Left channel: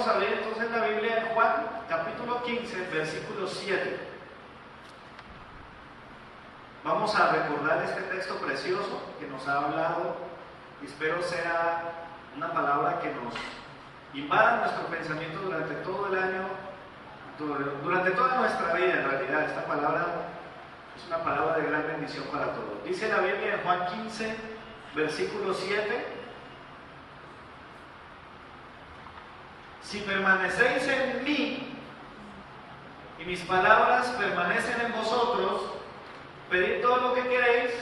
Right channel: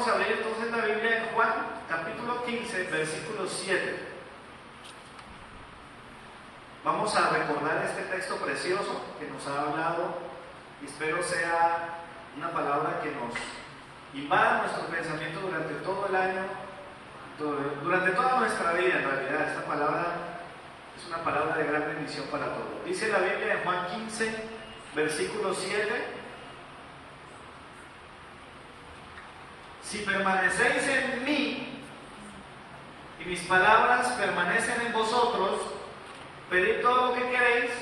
vamos a leer entonces la Biblia en Juan, capítulo 15, versículo 7. Vamos a recordar este texto precioso que nos ha hablado, y espero sea una palabra que nos invada nuestro pensamiento durante todo el año, durante toda nuestra vida. En realidad, esta palabra es una palabra de gran bendición para todos. Dice la Biblia en Juan 15, versículo 7: si permanecéis en mí y mis palabras permanecen en vosotros, pedid todo lo que queréis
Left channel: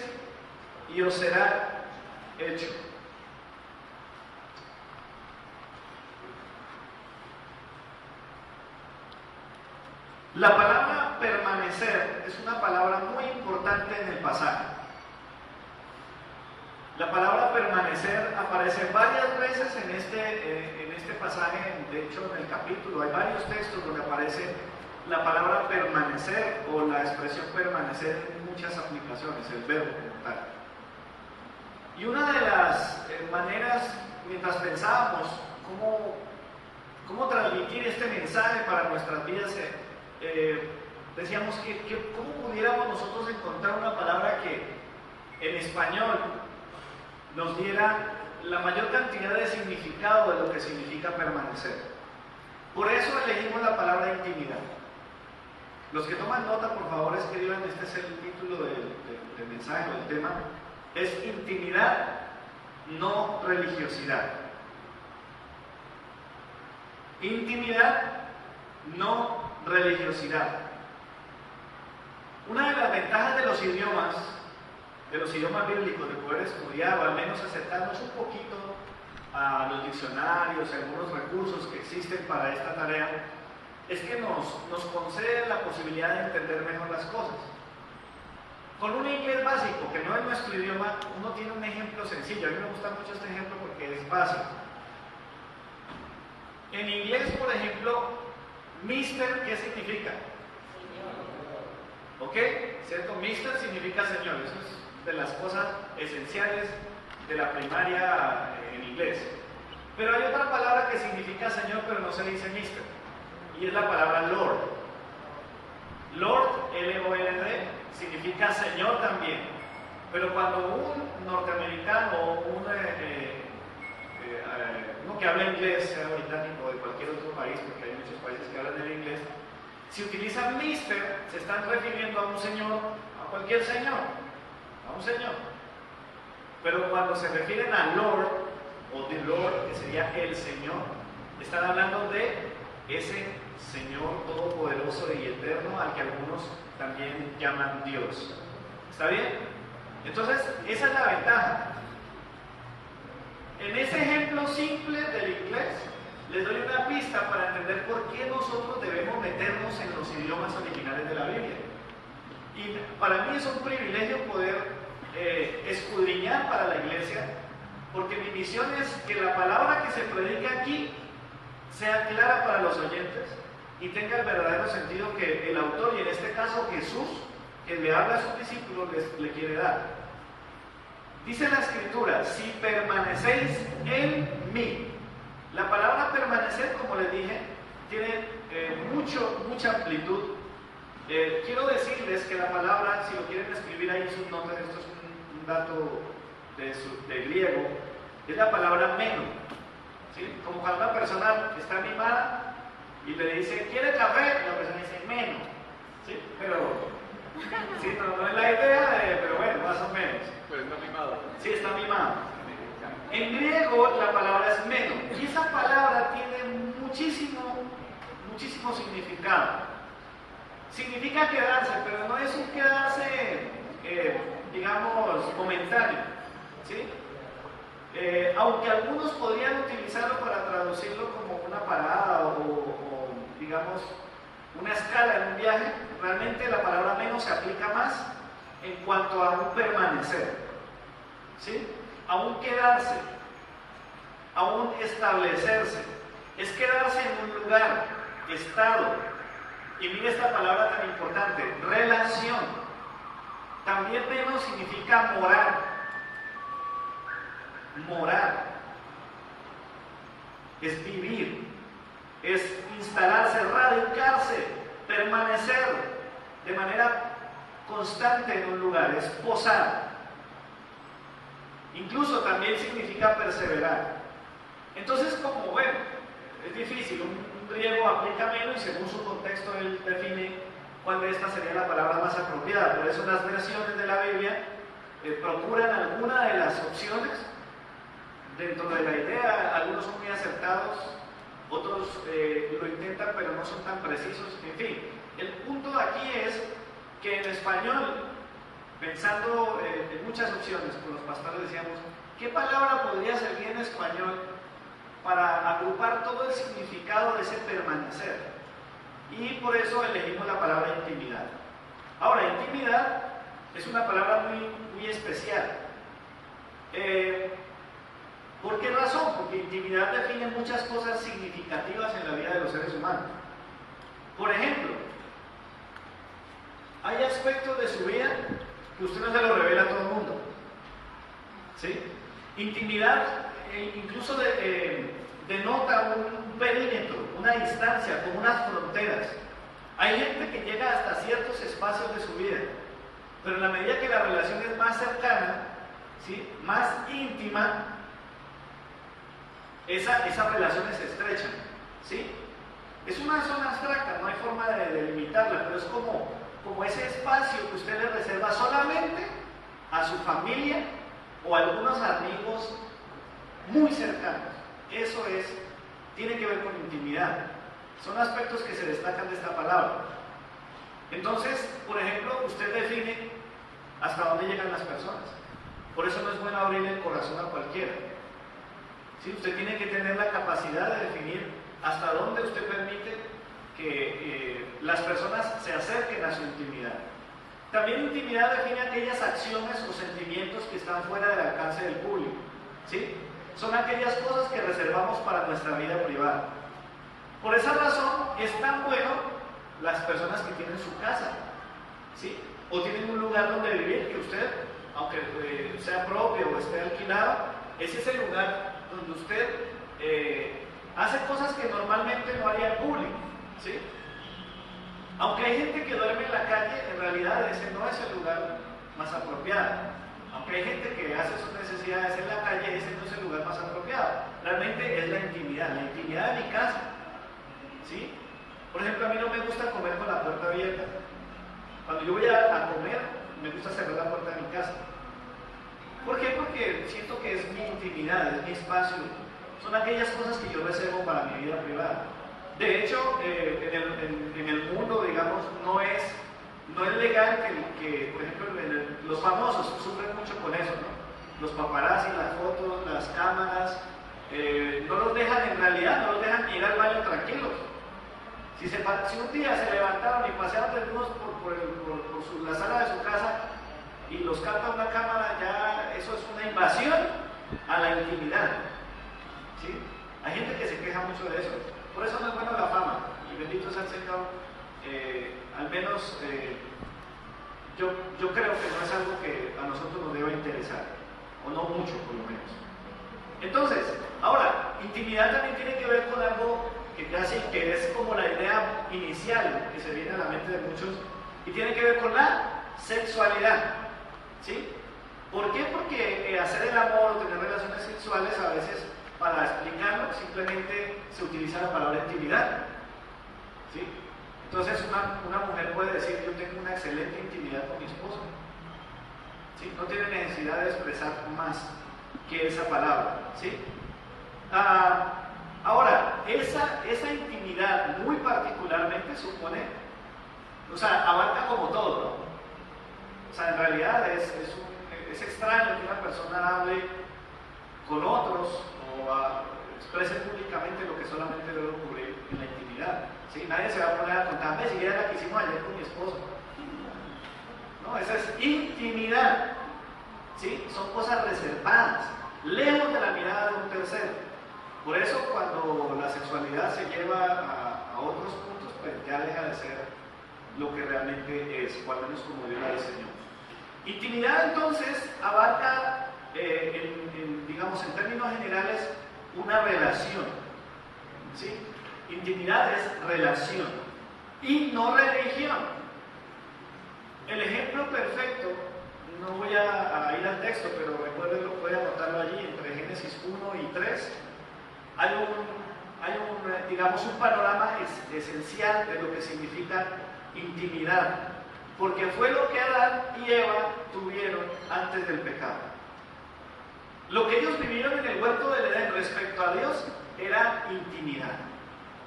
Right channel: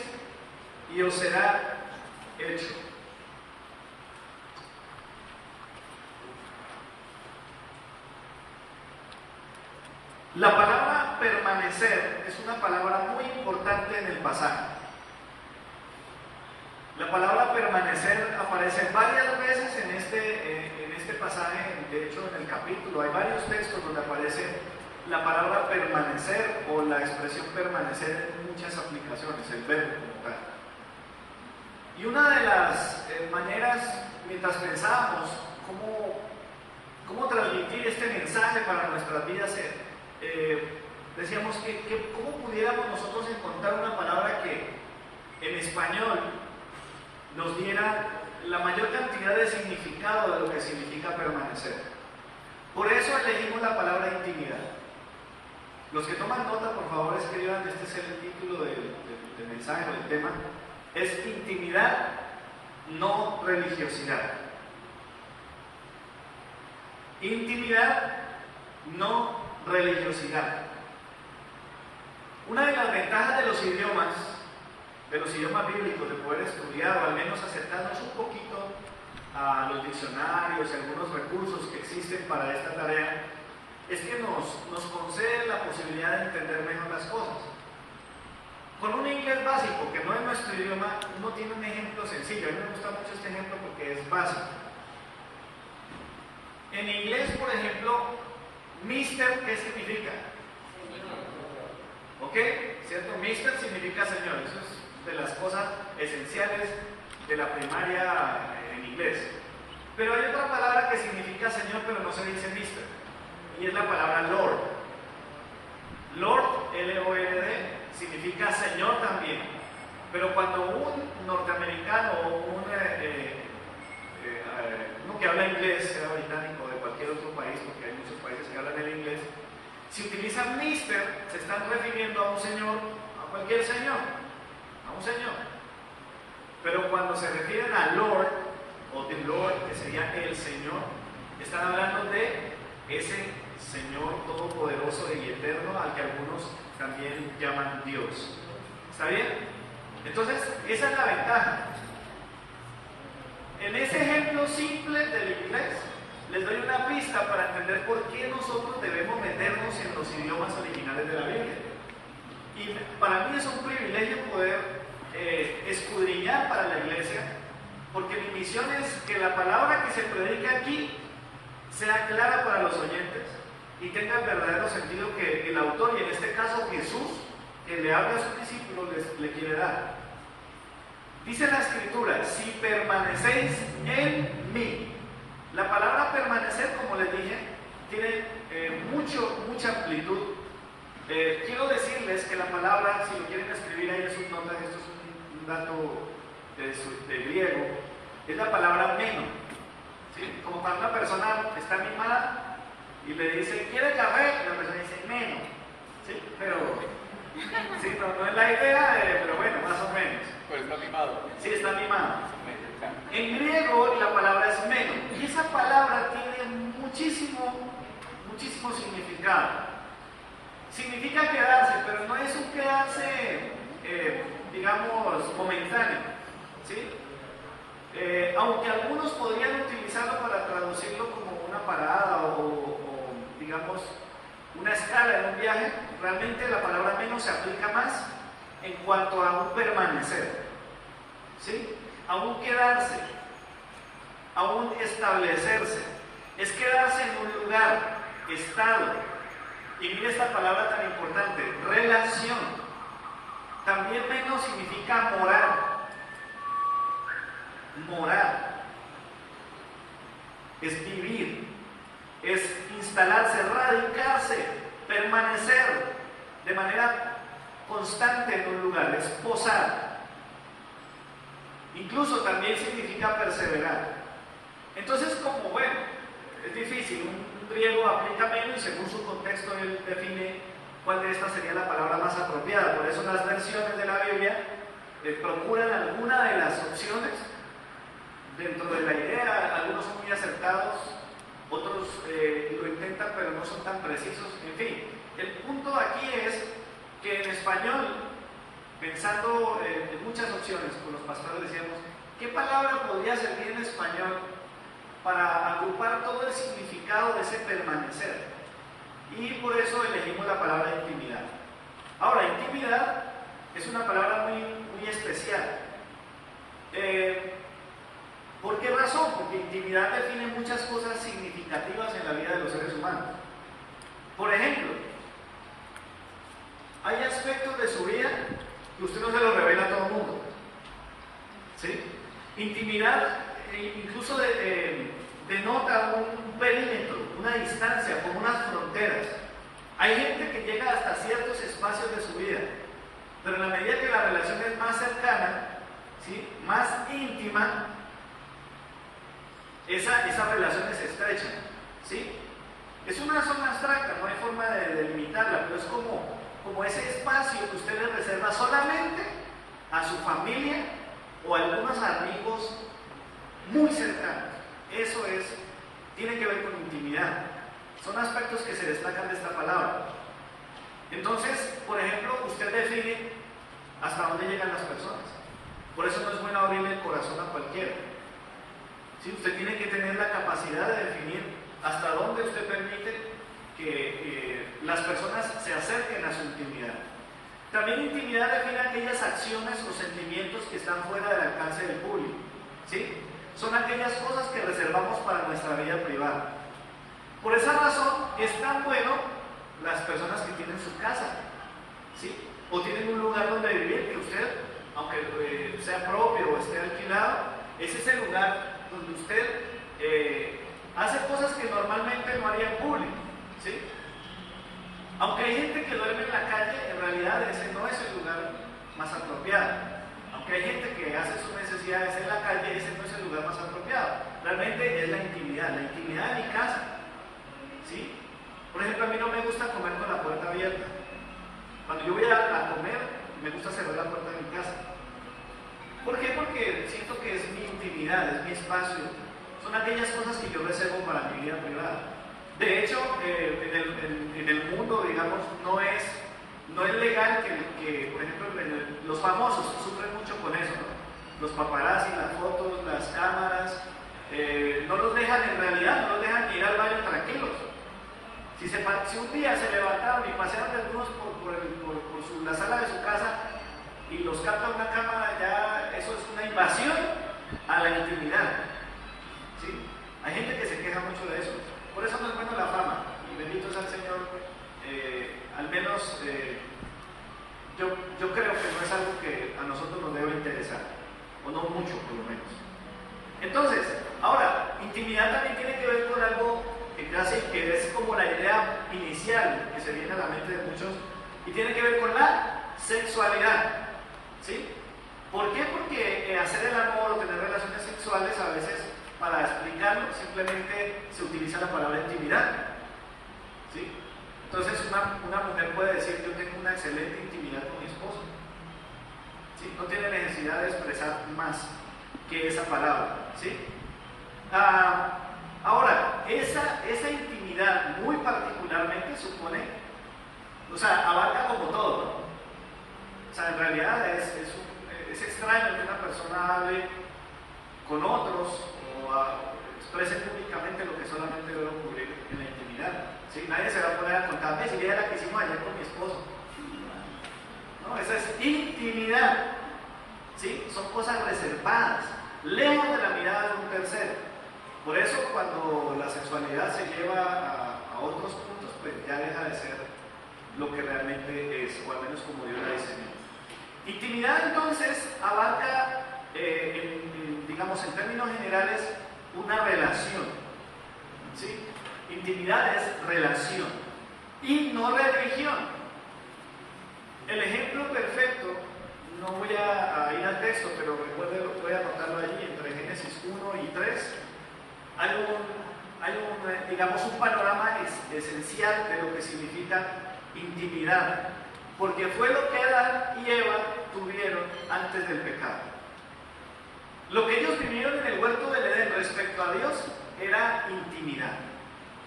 y os será hecho. La palabra permanecer es una palabra muy importante en el pasaje. La palabra permanecer aparece varias veces en este pasaje. De hecho, en el capítulo hay varios textos donde aparece la palabra permanecer o la expresión permanecer en muchas aplicaciones, el verbo como tal. Y una de las maneras, mientras pensábamos cómo transmitir este mensaje para nuestras vidas, decíamos que cómo pudiéramos nosotros encontrar una palabra que en español nos diera la mayor cantidad de significado de lo que significa permanecer. Por eso elegimos la palabra intimidad. Los que toman nota, por favor, escriban, este es el título del mensaje o del tema: es intimidad, no religiosidad. Intimidad, no religiosidad. Una de las ventajas de los idiomas bíblicos, de poder estudiar o al menos acercarnos un poquito a los diccionarios y algunos recursos que existen para esta tarea, es que nos concede la posibilidad de entender mejor las cosas. Con un inglés básico, que no es nuestro idioma, uno tiene un ejemplo sencillo. A mí me gusta mucho este ejemplo porque es básico. En inglés, por ejemplo, mister, ¿qué significa? ¿Ok? ¿Cierto? Mister significa señor. Eso es de las cosas esenciales de la primaria en inglés. Pero hay otra palabra que significa señor, pero no se dice mister, y es la palabra Lord. Lord, L-O-R-D, significa señor también. Pero cuando un norteamericano o uno que habla inglés, sea británico o de cualquier otro país, porque hay muchos países que hablan el inglés, si utilizan mister, se están refiriendo a un señor, a cualquier señor, a un señor. Pero cuando se refieren a Lord o the Lord, que sería el Señor, están hablando de ese Señor todopoderoso y eterno al que algunos también llaman Dios. ¿Está bien? Entonces, esa es la ventaja. En ese ejemplo simple del inglés, les doy una pista para entender por qué nosotros debemos meternos en los idiomas originales de la Biblia. Y para mí es un privilegio poder escudriñar para la iglesia, porque mi misión es que la palabra que se predica aquí sea clara para los oyentes y tenga el verdadero sentido que el autor, y en este caso Jesús, que le habla a sus discípulos, le quiere dar. Dice la Escritura: si permanecéis en mí. La palabra permanecer, como les dije, tiene mucha amplitud. Quiero decirles que la palabra, si lo quieren escribir ahí en sus notas, esto es un dato de griego, es la palabra meno. ¿Sí? Como cuando una persona está animada y le dice, ¿quiere café? La persona dice, meno. ¿Sí? Pero, sí, no es la idea, pero bueno, más o menos. Pero está mimado. Sí, está mimado. En griego la palabra es meno, y esa palabra tiene muchísimo significado. Significa quedarse, pero no es un quedarse, digamos, momentáneo, ¿sí? Aunque algunos podrían utilizarlo para traducirlo como una parada o digamos, una escala en un viaje, realmente la palabra menos se aplica más en cuanto a un permanecer, ¿sí? A un quedarse, a un establecerse. Es quedarse en un lugar, estado. Y mire esta palabra tan importante, relación. También menos significa morar. Morar es vivir. es instalarse, radicarse, permanecer de manera constante en un lugar, es posar. Incluso también significa perseverar. Entonces, como bueno, es difícil, un griego aplica menos y según su contexto él define cuál de estas sería la palabra más apropiada. Por eso las versiones de la Biblia procuran alguna de las opciones dentro de la idea. Algunos son muy acertados, otros lo intentan pero no son tan precisos. En fin, el punto aquí es que en español, pensando en muchas opciones, con los pastores decíamos, ¿qué palabra podría servir en español para agrupar todo el significado de ese permanecer? Y por eso elegimos la palabra intimidad. Ahora, intimidad es una palabra muy especial. ¿Por qué razón? Porque intimidad define muchas cosas significativas en la vida de los seres humanos. Por ejemplo, hay aspectos de su vida que usted no se lo revela a todo el mundo. ¿Sí? Intimidad incluso denota un perímetro, una distancia, como unas fronteras. Hay gente que llega hasta ciertos espacios de su vida, pero en la medida que la relación es más cercana, ¿sí?, más íntima, esas relaciones se estrechan. ¿Sí? Es una zona abstracta, no hay forma de delimitarla, pero es como ese espacio que usted le reserva solamente a su familia o a algunos amigos muy cercanos. Eso tiene que ver con intimidad. Son aspectos que se destacan de esta palabra. Entonces, por ejemplo, usted define hasta dónde llegan las personas. Por eso no es bueno abrir el corazón a cualquiera. ¿Sí? Usted tiene que tener la capacidad de definir hasta dónde usted permite que las personas se acerquen a su intimidad. También intimidad define aquellas acciones o sentimientos que están fuera del alcance del público. ¿Sí? Son aquellas cosas que reservamos para nuestra vida privada. Por esa razón es tan bueno las personas que tienen su casa, ¿sí?, o tienen un lugar donde vivir, que usted, aunque sea propio o esté alquilado, es ese lugar donde usted hace cosas que normalmente no haría en público. ¿Sí? Aunque hay gente que duerme en la calle, en realidad ese no es el lugar más apropiado. Aunque hay gente que hace sus necesidades en la calle, ese no es el lugar más apropiado. Realmente es la intimidad de mi casa. ¿Sí? Por ejemplo, a mí no me gusta comer con la puerta abierta. Cuando yo voy a comer, me gusta cerrar la puerta de mi casa. ¿Por qué? Porque siento que es mi intimidad, es mi espacio. Son aquellas cosas que yo reservo para mi vida privada. De hecho, en el mundo, digamos, no es legal que por ejemplo, los famosos sufren mucho con eso, ¿no? Los paparazzi, las fotos, las cámaras, no los dejan, en realidad, no los dejan ir al baño tranquilos. Si un día se levantaron y pasearon desnudos por la sala de su casa y los capta una cámara, ya eso es una invasión a la intimidad. ¿Sí? Hay gente que se queja mucho de eso. Por eso no es bueno la fama. Y bendito sea el Señor, al menos yo creo que no es algo que a nosotros nos debe interesar, o no mucho por lo menos. Entonces, ahora, intimidad también tiene que ver con algo que es como la idea inicial que se viene a la mente de muchos, y tiene que ver con la sexualidad. ¿Sí? ¿Por qué? Porque hacer el amor o tener relaciones sexuales a veces, para explicarlo, simplemente se utiliza la palabra intimidad. ¿Sí? Entonces una mujer puede decir: yo tengo una excelente intimidad con mi esposo. ¿Sí? No tiene necesidad de expresar más que esa palabra. ¿Sí? Ahora, esa intimidad muy particularmente supone, abarca como todo, ¿no? O sea, en realidad es extraño que una persona hable con otros o exprese públicamente lo que solamente debe ocurrir en la intimidad. ¿Sí? Nadie se va a poner a contar: si era la que hicimos ayer con mi esposo. No, esa es intimidad. ¿Sí? Son cosas reservadas, lejos de la mirada de un tercero. Por eso, cuando la sexualidad se lleva a otros puntos, pues ya deja de ser lo que realmente es, o al menos como Dios la diseñó. Intimidad, entonces, abarca, digamos, en términos generales, una relación. ¿Sí? Intimidad es relación y no religión. El ejemplo perfecto, no voy a ir al texto, pero voy a anotarlo allí entre Génesis 1 y 3. Hay digamos, un panorama esencial de lo que significa intimidad, porque fue lo que Adán y Eva tuvieron antes del pecado. Lo que ellos vivieron en el huerto del Edén respecto a Dios era intimidad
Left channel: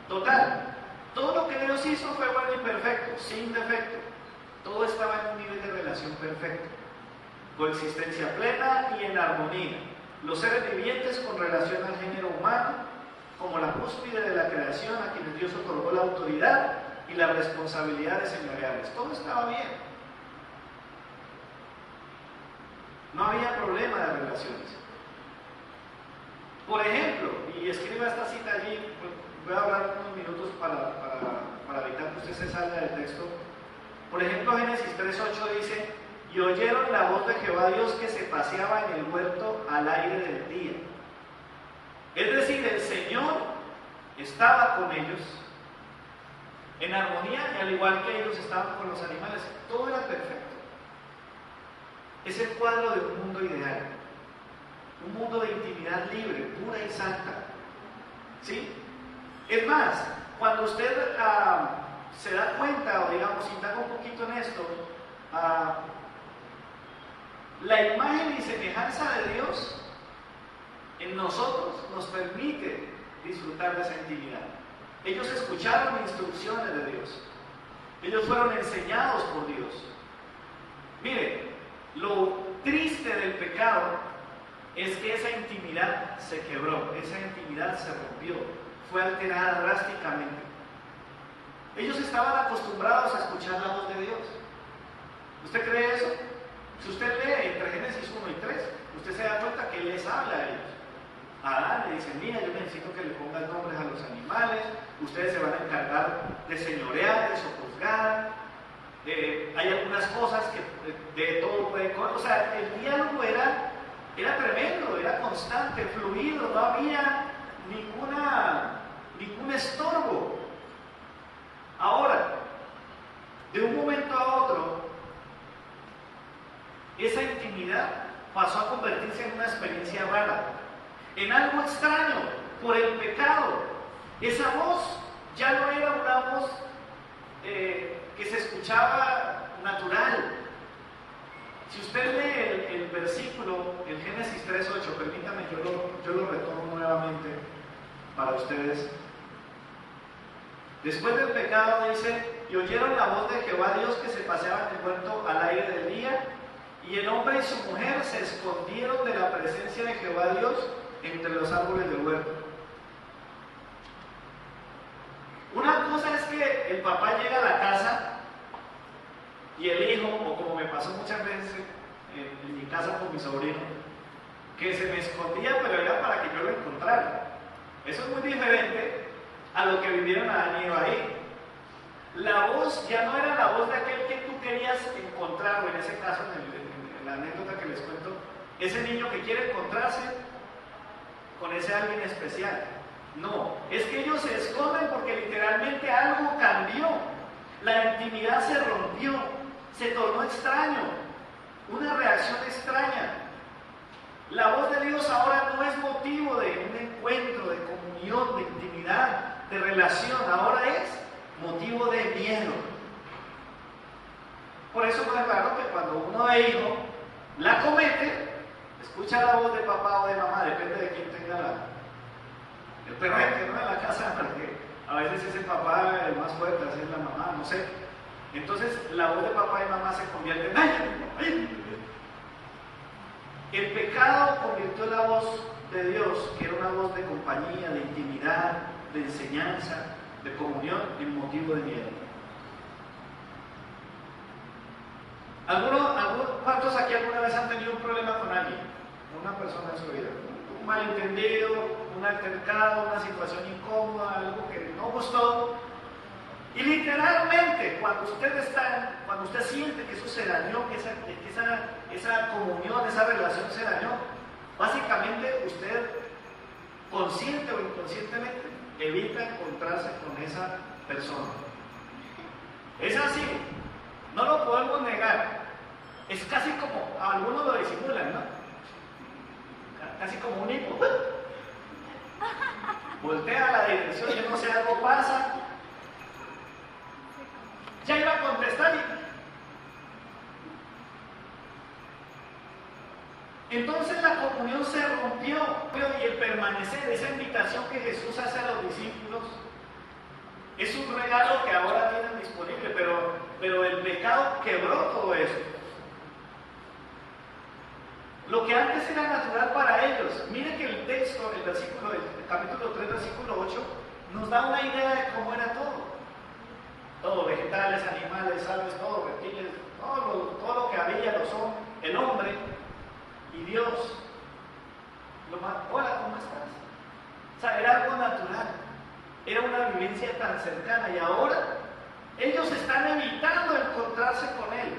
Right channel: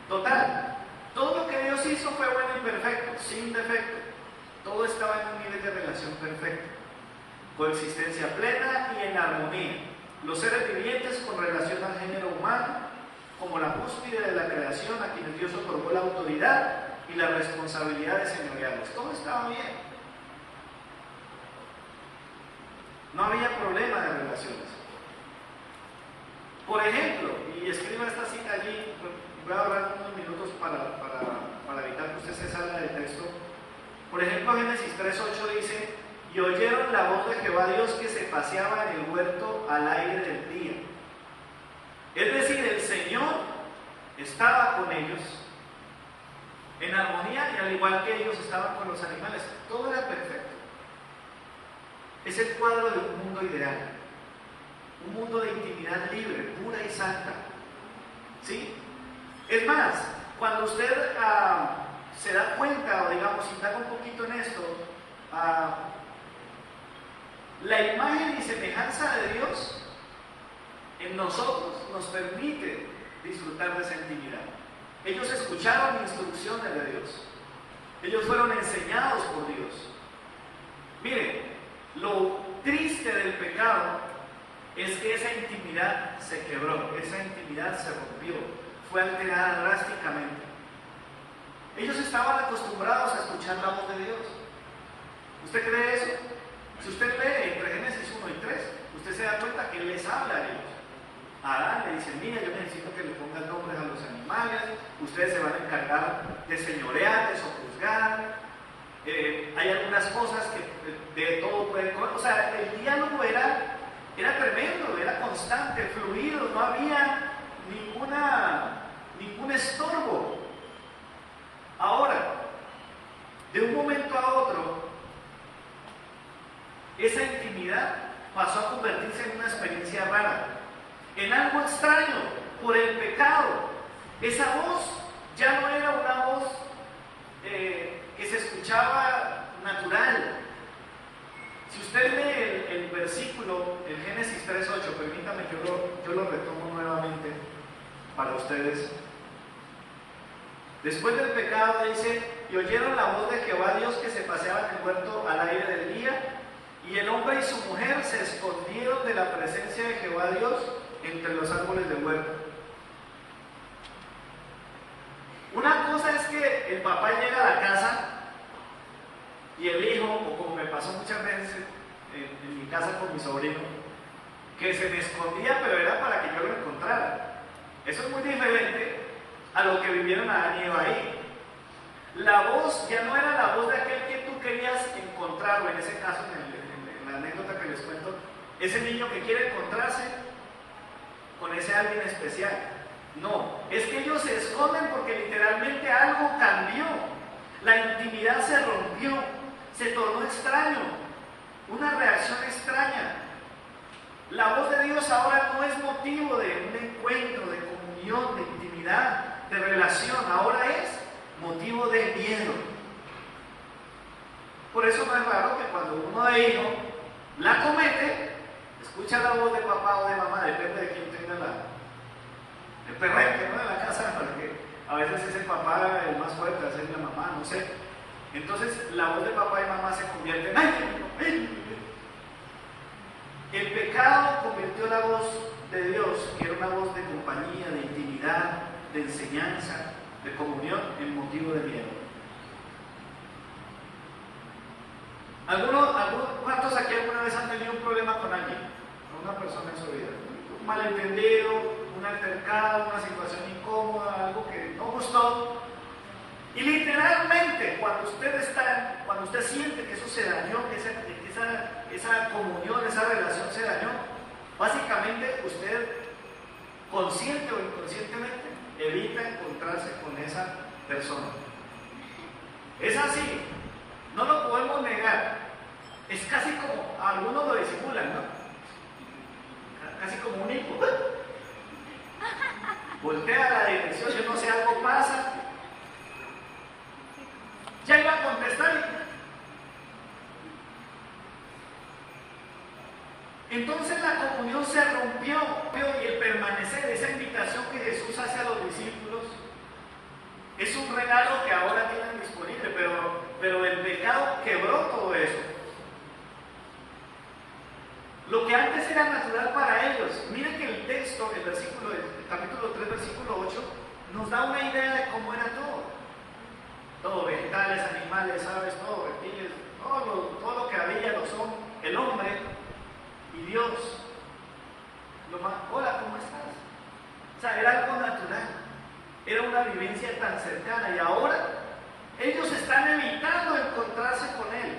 total. Todo lo que Dios hizo fue bueno y perfecto, sin defecto. Todo estaba en un nivel de relación perfecto, coexistencia plena y en armonía. Los seres vivientes con relación al género humano, como la cúspide de la creación, a quienes Dios otorgó la autoridad y las responsabilidades señoriales. Todo estaba bien. No había problema de relaciones. Por ejemplo, y escriba esta cita allí, voy a hablar unos minutos para evitar que usted se salga del texto. Por ejemplo, Génesis 3:8 dice: y oyeron la voz de Jehová Dios que se paseaba en el huerto al aire del día. Es decir, el Señor estaba con ellos en armonía, y al igual que ellos estaban con los animales. Todo era perfecto. Es el cuadro de un mundo ideal, un mundo de intimidad libre, pura y santa. ¿Sí? Es más, cuando usted se da cuenta, o digamos, indaga un poquito en esto, la imagen y semejanza de Dios en nosotros nos permite disfrutar de esa intimidad. Ellos escucharon instrucciones de Dios, ellos fueron enseñados por Dios. Mire, lo triste del pecado es que esa intimidad se quebró, esa intimidad se rompió, fue alterada drásticamente. Ellos estaban acostumbrados a escuchar la voz de Dios. ¿Usted cree eso? Si usted lee entre Génesis 1 y 3, usted se da cuenta que Él les habla a ellos. A Adán le dicen: mira, yo necesito que le pongan nombres a los animales, ustedes se van a encargar de señorearles o juzgar. Hay algunas cosas que de todo pueden comer. O sea, el diálogo era tremendo, era constante, fluido, no había ningún estorbo. Ahora, de un momento a otro, esa intimidad pasó a convertirse en una experiencia rara, en algo extraño por el pecado. Esa voz ya no era una voz que se escuchaba natural. Si usted lee el versículo, el Génesis 3:8, permítame, yo lo retomo nuevamente para ustedes. Después del pecado dice: y oyeron la voz de Jehová Dios que se paseaba en el huerto al aire del día, y el hombre y su mujer se escondieron de la presencia de Jehová Dios entre los árboles del huerto. Una cosa es que el papá llega a la casa y el hijo, o como me pasó muchas veces en mi casa con mi sobrino, que se me escondía, pero era para que yo lo encontrara. Eso es muy diferente a lo que vivieron Adán y Eva ahí. La voz ya no era la voz de aquel que tú querías encontrar, o en ese caso, en la anécdota que les cuento, ese niño que quiere encontrarse con ese alguien especial. No, es que ellos se esconden porque literalmente algo cambió. La intimidad se rompió, se tornó extraño, una reacción extraña. La voz de Dios ahora no es motivo de un encuentro, de comunión, de intimidad, de relación. Ahora es motivo de miedo. Por eso no es raro que cuando uno de hijo la comete, escucha la voz de papá o de mamá, depende de quién tenga el perrete, ¿no?, de la casa, porque a veces es el papá el más fuerte, a veces es la mamá, no sé. Entonces la voz de papá y mamá se convierte en ¡ay! El pecado convirtió la voz de Dios, que era una voz de compañía, de intimidad, de enseñanza, de comunión, en motivo de miedo. ¿Cuántos aquí alguna vez han tenido un problema con alguien, con una persona en su vida? Un malentendido, un altercado, una situación incómoda, algo que no gustó. Y literalmente, cuando usted siente que eso se dañó, que esa comunión, esa relación se dañó, básicamente usted, consciente o inconscientemente, evita encontrarse con esa persona. Es así, no lo podemos negar. Es casi como, algunos lo disimulan, ¿no? Casi como un hipo. Voltea la dirección, yo no sé, algo pasa. Ya iba a contestar y entonces la comunión se rompió y el permanecer, esa invitación que Jesús hace a los discípulos, es un regalo que ahora tienen disponible, pero el pecado quebró todo eso. Lo que antes era natural para ellos, miren que el texto, el capítulo 3, versículo 8, nos da una idea de cómo era todo. Todo, vegetales, animales, aves, todo, reptiles, todo lo que había, lo son, el hombre y Dios. Hola, ¿cómo estás? O sea, era algo natural, era una vivencia tan cercana y ahora ellos están evitando encontrarse con Él.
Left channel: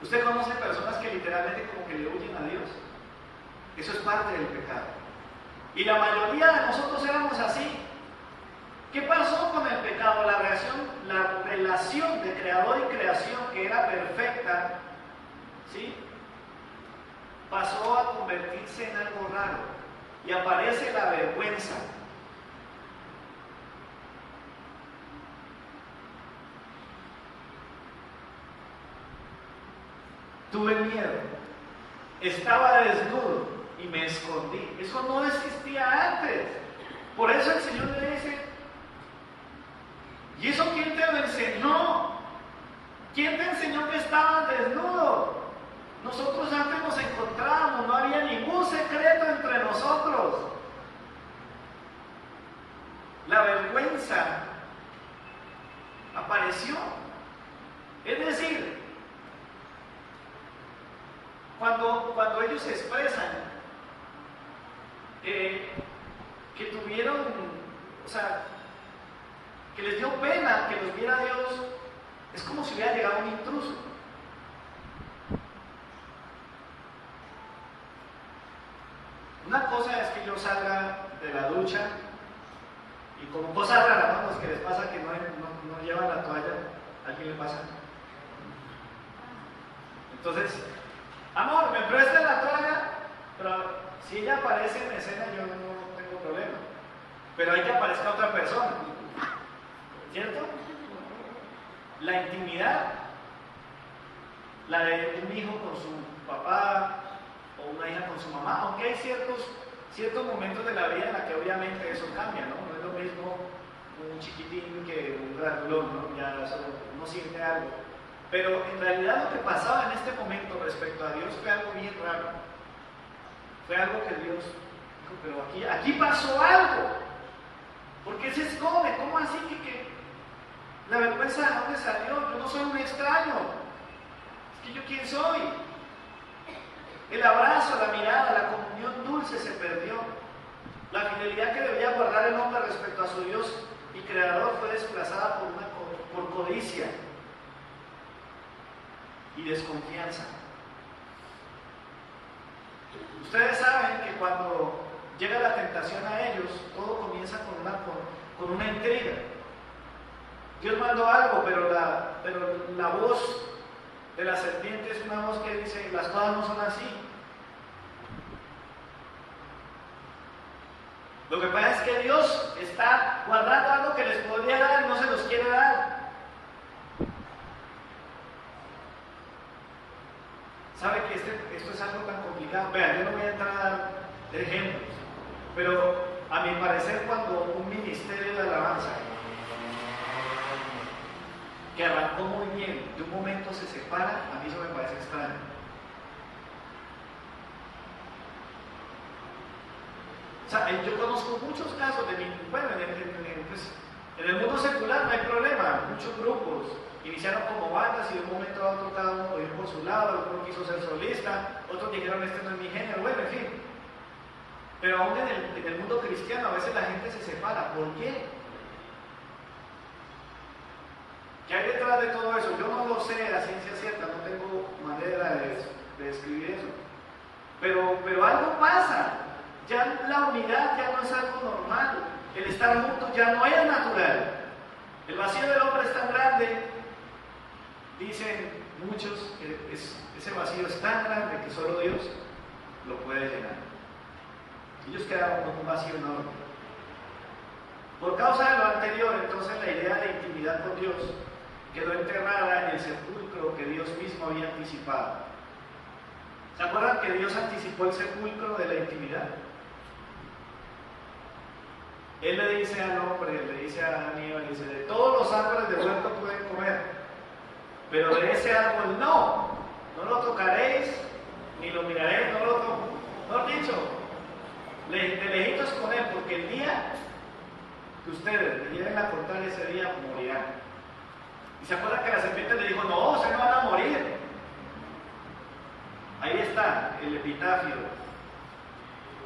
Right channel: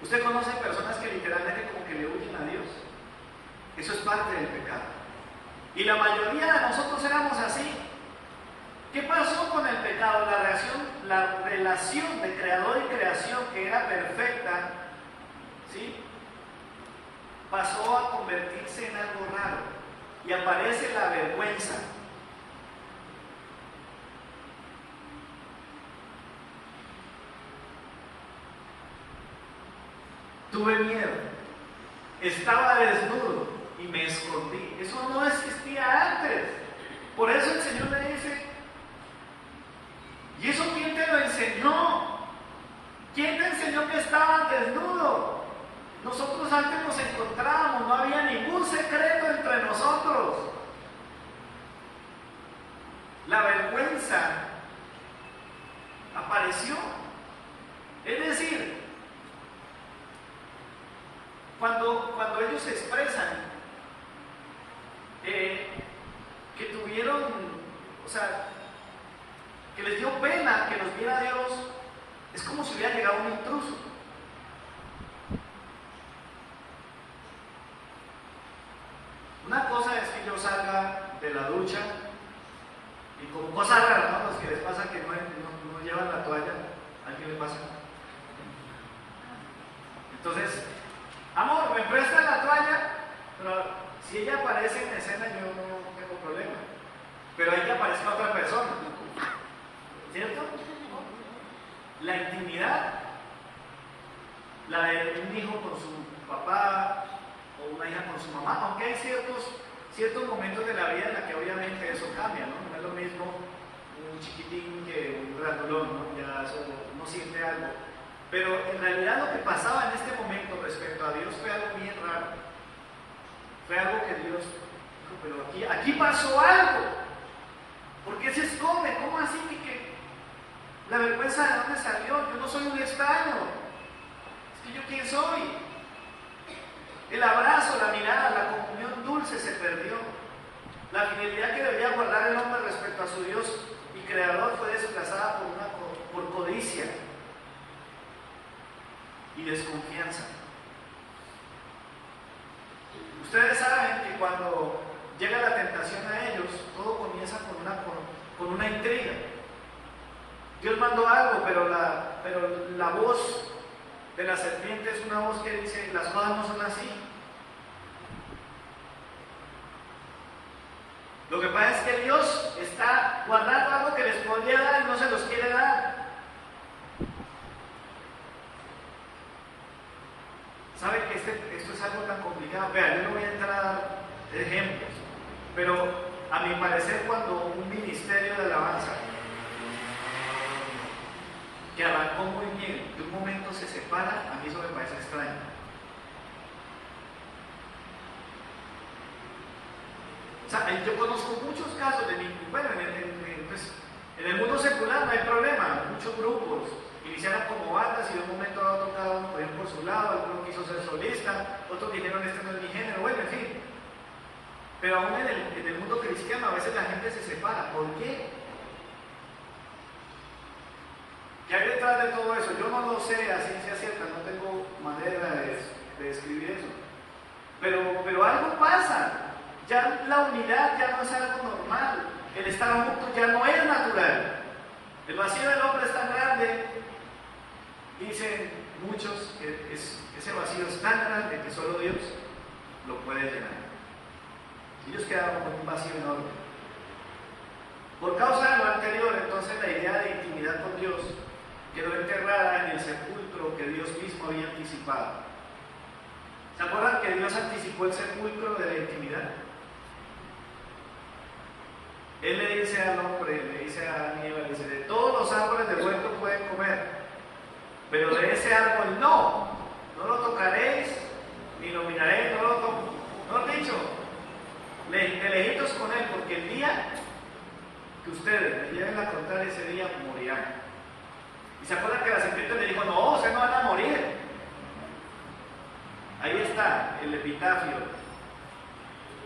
¿Usted conoce personas que literalmente como que le huyen a Dios? Eso es parte del pecado. Y la mayoría de nosotros éramos así. ¿Qué pasó con el pecado? La relación de creador y creación, que era perfecta, ¿sí?, pasó a convertirse en algo raro. Y aparece la vergüenza. Tuve miedo, estaba desnudo y me escondí. Eso no existía antes. Por eso el Señor le dice, ¿y eso quién te lo enseñó? ¿Quién te enseñó que estabas desnudo? Nosotros antes nos encontrábamos, no había ningún secreto entre nosotros. La vergüenza apareció. Es decir, cuando ellos expresan que tuvieron, o sea, que les dio pena que los viera Dios, es como si hubiera llegado un intruso. Una cosa es que yo salga de la ducha y como cosas raras, ¿no?, los que les pasa que no llevan la toalla, ¿a alguien le pasa? Entonces, amor, ¿me prestas la toalla? Pero si ella aparece en escena, yo no tengo problema. Pero hay que aparezca otra persona, ¿cierto? La intimidad, la de un hijo con su papá o una hija con su mamá, aunque hay ciertos momentos de la vida en la que obviamente eso cambia, ¿no? No es lo mismo un chiquitín que un granulón, ¿no? Ya eso no siente algo. Pero en realidad lo que pasaba en este momento respecto a Dios fue algo bien raro. Fue algo que Dios dijo, pero aquí pasó algo. ¿Por qué se esconde? ¿Cómo así que la vergüenza de dónde salió? Yo no soy un extraño. Es que yo quién soy. El abrazo, la mirada, la comunión dulce se perdió. La fidelidad que debía guardar el hombre respecto a su Dios y Creador fue desplazada por codicia y desconfianza. Ustedes saben que cuando llega la tentación a ellos, todo comienza con una intriga. Dios mandó algo, pero la voz de la serpiente es una voz que dice, las cosas no son así. Lo que pasa es que Dios está guardando algo que les podría dar y no se los quiere dar. ¿Sabe que esto es algo tan complicado? Vean, yo no voy a entrar a dar ejemplos, pero a mi parecer cuando un ministerio de alabanza que arrancó muy bien, de un momento se separa, a mí eso me parece extraño. O sea, yo conozco muchos casos bueno, en el mundo secular no hay problema, muchos grupos iniciaron como bandas y de un momento a otro cada uno fue por su lado, alguno quiso ser solista, otros dijeron este no es mi género, bueno, en fin. Pero aún en el mundo cristiano a veces la gente se separa. ¿Por qué? ¿Qué hay detrás de todo eso? Yo no lo sé a ciencia cierta, no tengo manera de describir eso. pero algo pasa. Ya la unidad ya no es algo normal. El estar juntos ya no es natural. El vacío del hombre es tan grande, dicen muchos, que ese vacío es tan grande que solo Dios lo puede llenar. Ellos quedaron con un vacío enorme. Por causa de lo anterior, entonces la idea de intimidad con Dios quedó enterrada en el sepulcro que Dios mismo había anticipado. ¿Se acuerdan que Dios anticipó el sepulcro de la intimidad? Él le dice al hombre, le dice a Adán y Eva, dice, de todos los árboles del huerto pueden comer, pero de ese árbol no lo tocaréis, ni lo miraréis, no lo he dicho, de lejitos con él, porque el día que ustedes le lleguen a contar ese día morirán. Y se acuerdan que la serpiente le dijo, no, se no van a morir. Ahí está el epitafio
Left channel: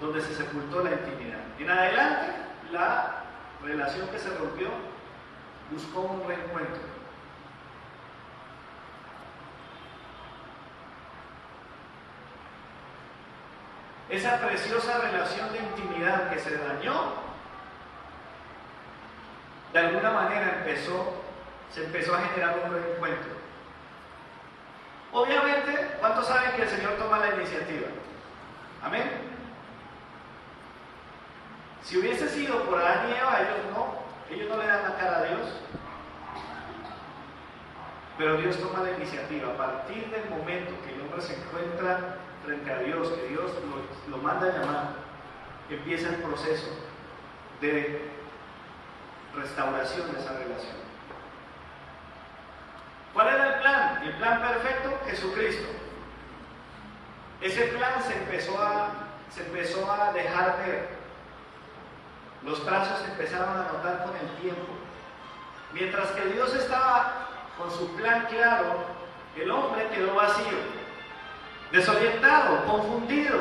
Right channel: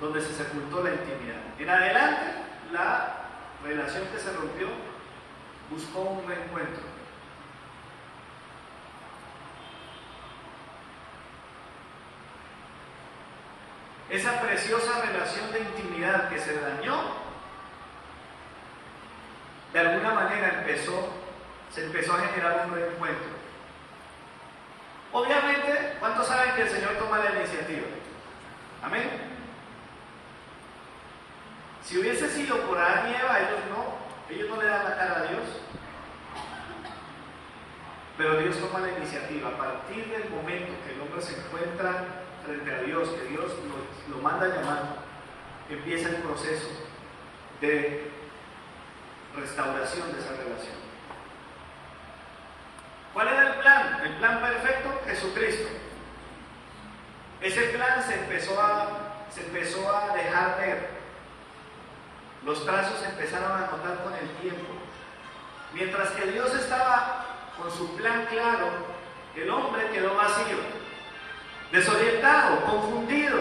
donde se sepultó la intimidad. En adelante, la relación que se rompió buscó un reencuentro. Esa preciosa relación de intimidad que se dañó, de alguna manera se empezó a generar un reencuentro. Obviamente, ¿cuántos saben que el Señor toma la iniciativa? Amén. Si hubiese sido por Adán y Eva, ellos no le dan la cara a Dios. Pero Dios toma la iniciativa. A partir del momento que el hombre se encuentra frente a Dios, que Dios lo manda a llamar, empieza el proceso de restauración de esa relación. ¿Cuál era el plan? El plan perfecto, Jesucristo. Ese plan se empezó a dejar ver. Los trazos se empezaron a notar con el tiempo. Mientras que Dios estaba con su plan claro, el hombre quedó vacío, desorientado, confundido.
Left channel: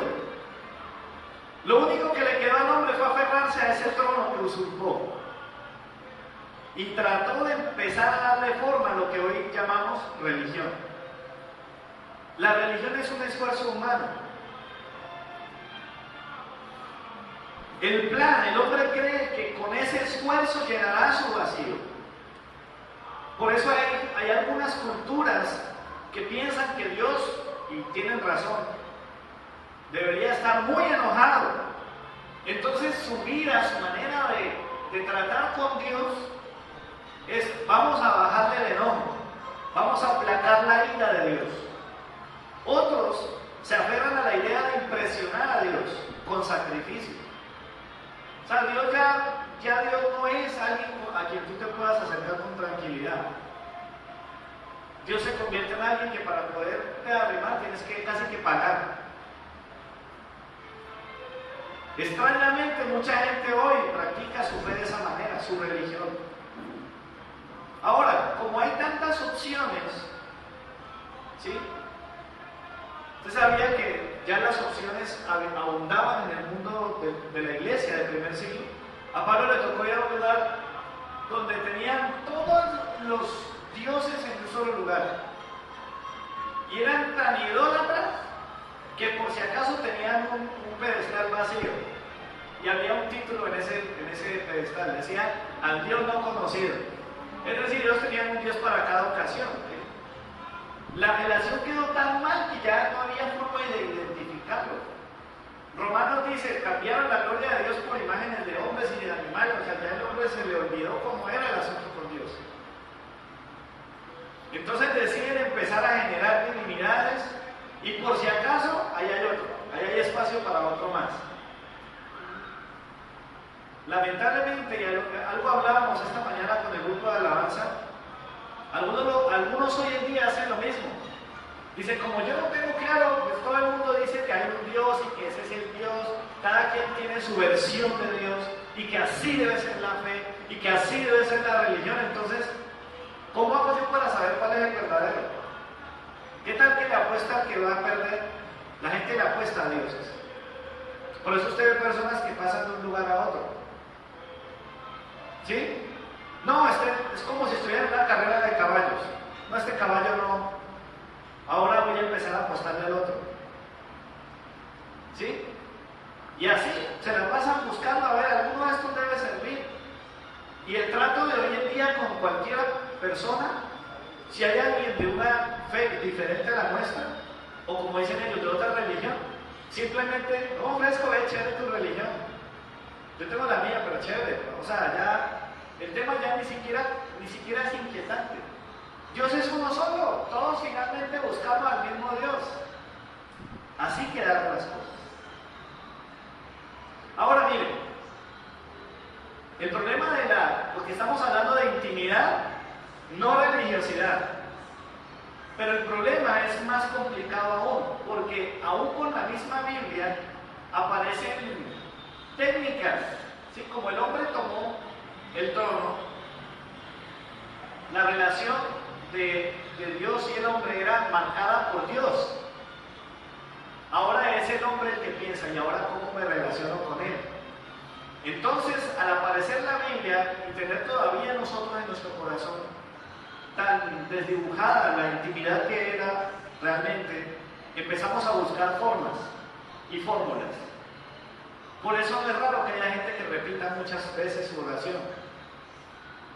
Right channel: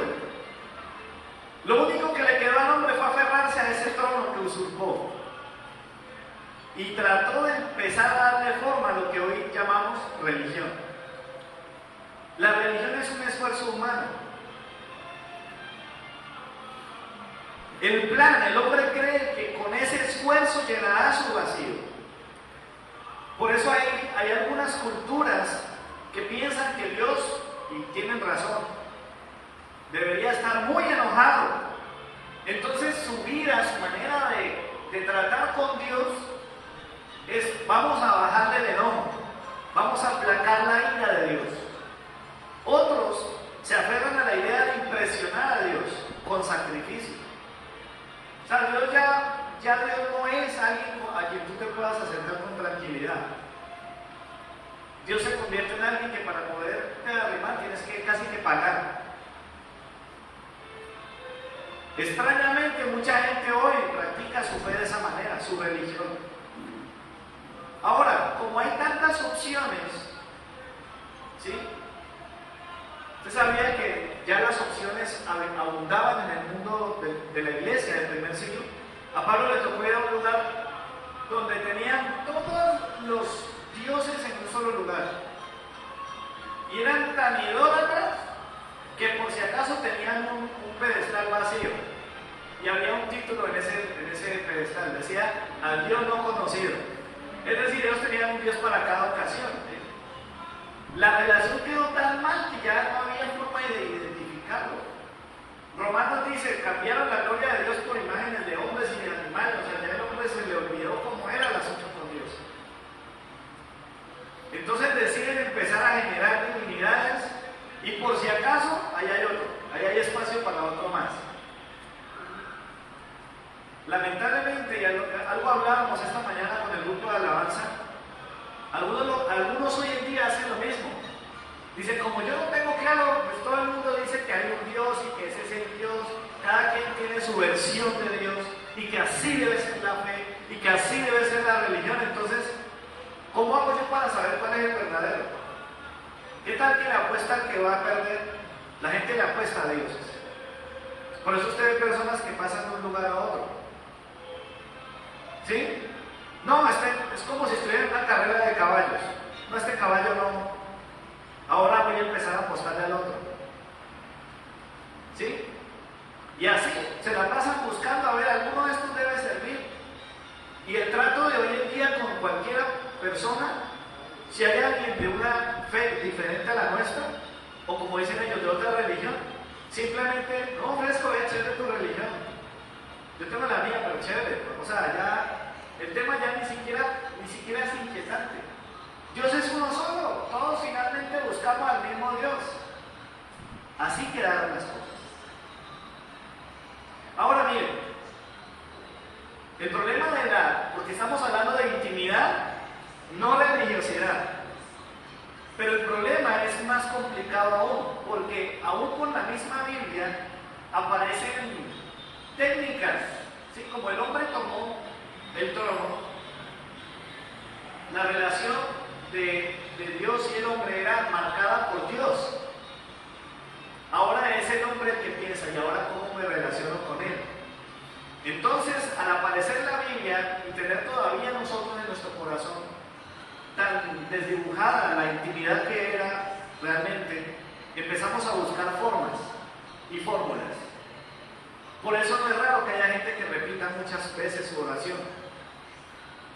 Lo único que le quedó al hombre fue aferrarse a ese trono que usurpó. Y trató de empezar a darle forma a lo que hoy llamamos religión. La religión es un esfuerzo humano. El plan, el hombre cree que con ese esfuerzo llenará su vacío. Por eso hay algunas culturas que piensan que Dios, y tienen razón, debería estar muy enojado. Entonces su vida, su manera de tratar con Dios es: vamos a bajarle el enojo, vamos a aplacar la ira de Dios. Otros se aferran a la idea de impresionar a Dios con sacrificio. O sea, Dios ya Dios no es alguien a quien tú te puedas acercar con tranquilidad. Dios se convierte en alguien que para poder arrimar tienes que casi que pagar. Extrañamente, mucha gente hoy practica su fe de esa manera, su religión. Ahora, como hay tantas opciones, ¿sí? Usted sabía que ya las opciones abundaban en el mundo de la iglesia del primer siglo. A Pablo le tocó ir a un lugar donde tenían todos los dioses en un solo lugar. Y eran tan idólatras que por si acaso tenían un pedestal vacío. Y había un título en ese pedestal, decía al Dios no conocido. Es decir, ellos tenían un Dios para cada ocasión. La relación quedó tan mal que ya no había forma de identificarlo. Romanos dice: cambiaron la gloria de Dios por imágenes de hombres y de animales. O sea, ya el hombre se le olvidó cómo era el asunto con Dios. Entonces deciden empezar a generar divinidades y por si acaso, ahí hay otro, ahí hay espacio para otro más. Lamentablemente, y algo hablábamos esta mañana con el grupo de alabanza, algunos hoy en día hacen lo mismo. Dicen: como yo no tengo claro, pues todo el mundo dice que hay un Dios y que ese es el Dios, cada quien tiene su versión de Dios y que así debe ser la fe y que así debe ser la religión. Entonces, ¿cómo hago yo para saber cuál es el verdadero? ¿Qué tal que le apuesta al que va a perder? La gente le apuesta a dioses. Por eso usted ve personas que pasan de un lugar a otro. ¿Sí? No, es como si estuviera en una carrera de caballos. No, este caballo no. Ahora voy a empezar a apostarle al otro. persona, si hay alguien de una fe diferente a la nuestra, o como dicen ellos, de otra religión, simplemente, no, fresco, es chévere tu religión. Yo tengo la mía, pero chévere. O sea, ya, el tema ya ni siquiera es inquietante. Dios es uno solo, todos finalmente buscamos al mismo Dios. Así quedaron las cosas. Ahora miren, el problema porque estamos hablando de intimidad, no religiosidad. Pero el problema es más complicado aún, porque aún con la misma Biblia aparecen técnicas, ¿sí? Como el hombre tomó el trono, la relación de Dios y el hombre era marcada por Dios. Ahora es el hombre el que piensa, y ahora cómo me relaciono con él. Entonces, al aparecer la Biblia y tener todavía nosotros en nuestro corazón tan desdibujada la intimidad que era realmente, empezamos a buscar formas y fórmulas. Por eso no es raro que haya gente que repita muchas veces su oración.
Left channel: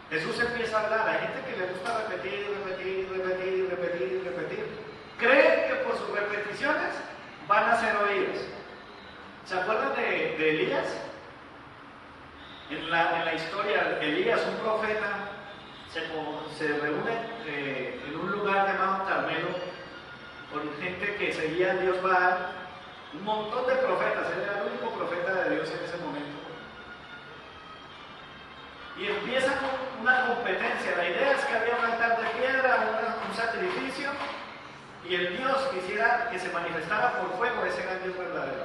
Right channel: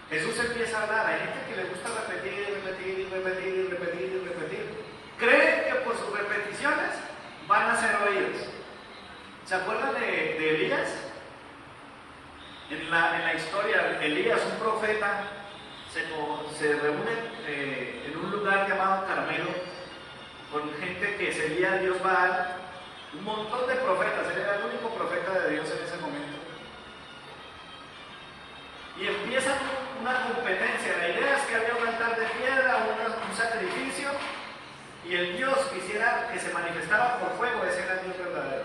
Jesús empieza a hablar, hay gente que le gusta repetir. Creen que por sus repeticiones van a ser oídos. ¿Se acuerdan de Elías? En la historia, Elías, un profeta, se reúne en un lugar llamado Carmelo con gente que seguía a Dios Baal, un montón de profetas, él era el único profeta de Dios en ese momento. Y empiezan una competencia. La idea es que había un altar de piedra, un sacrificio, y el Dios quisiera que se manifestara por fuego, ese era el Dios verdadero.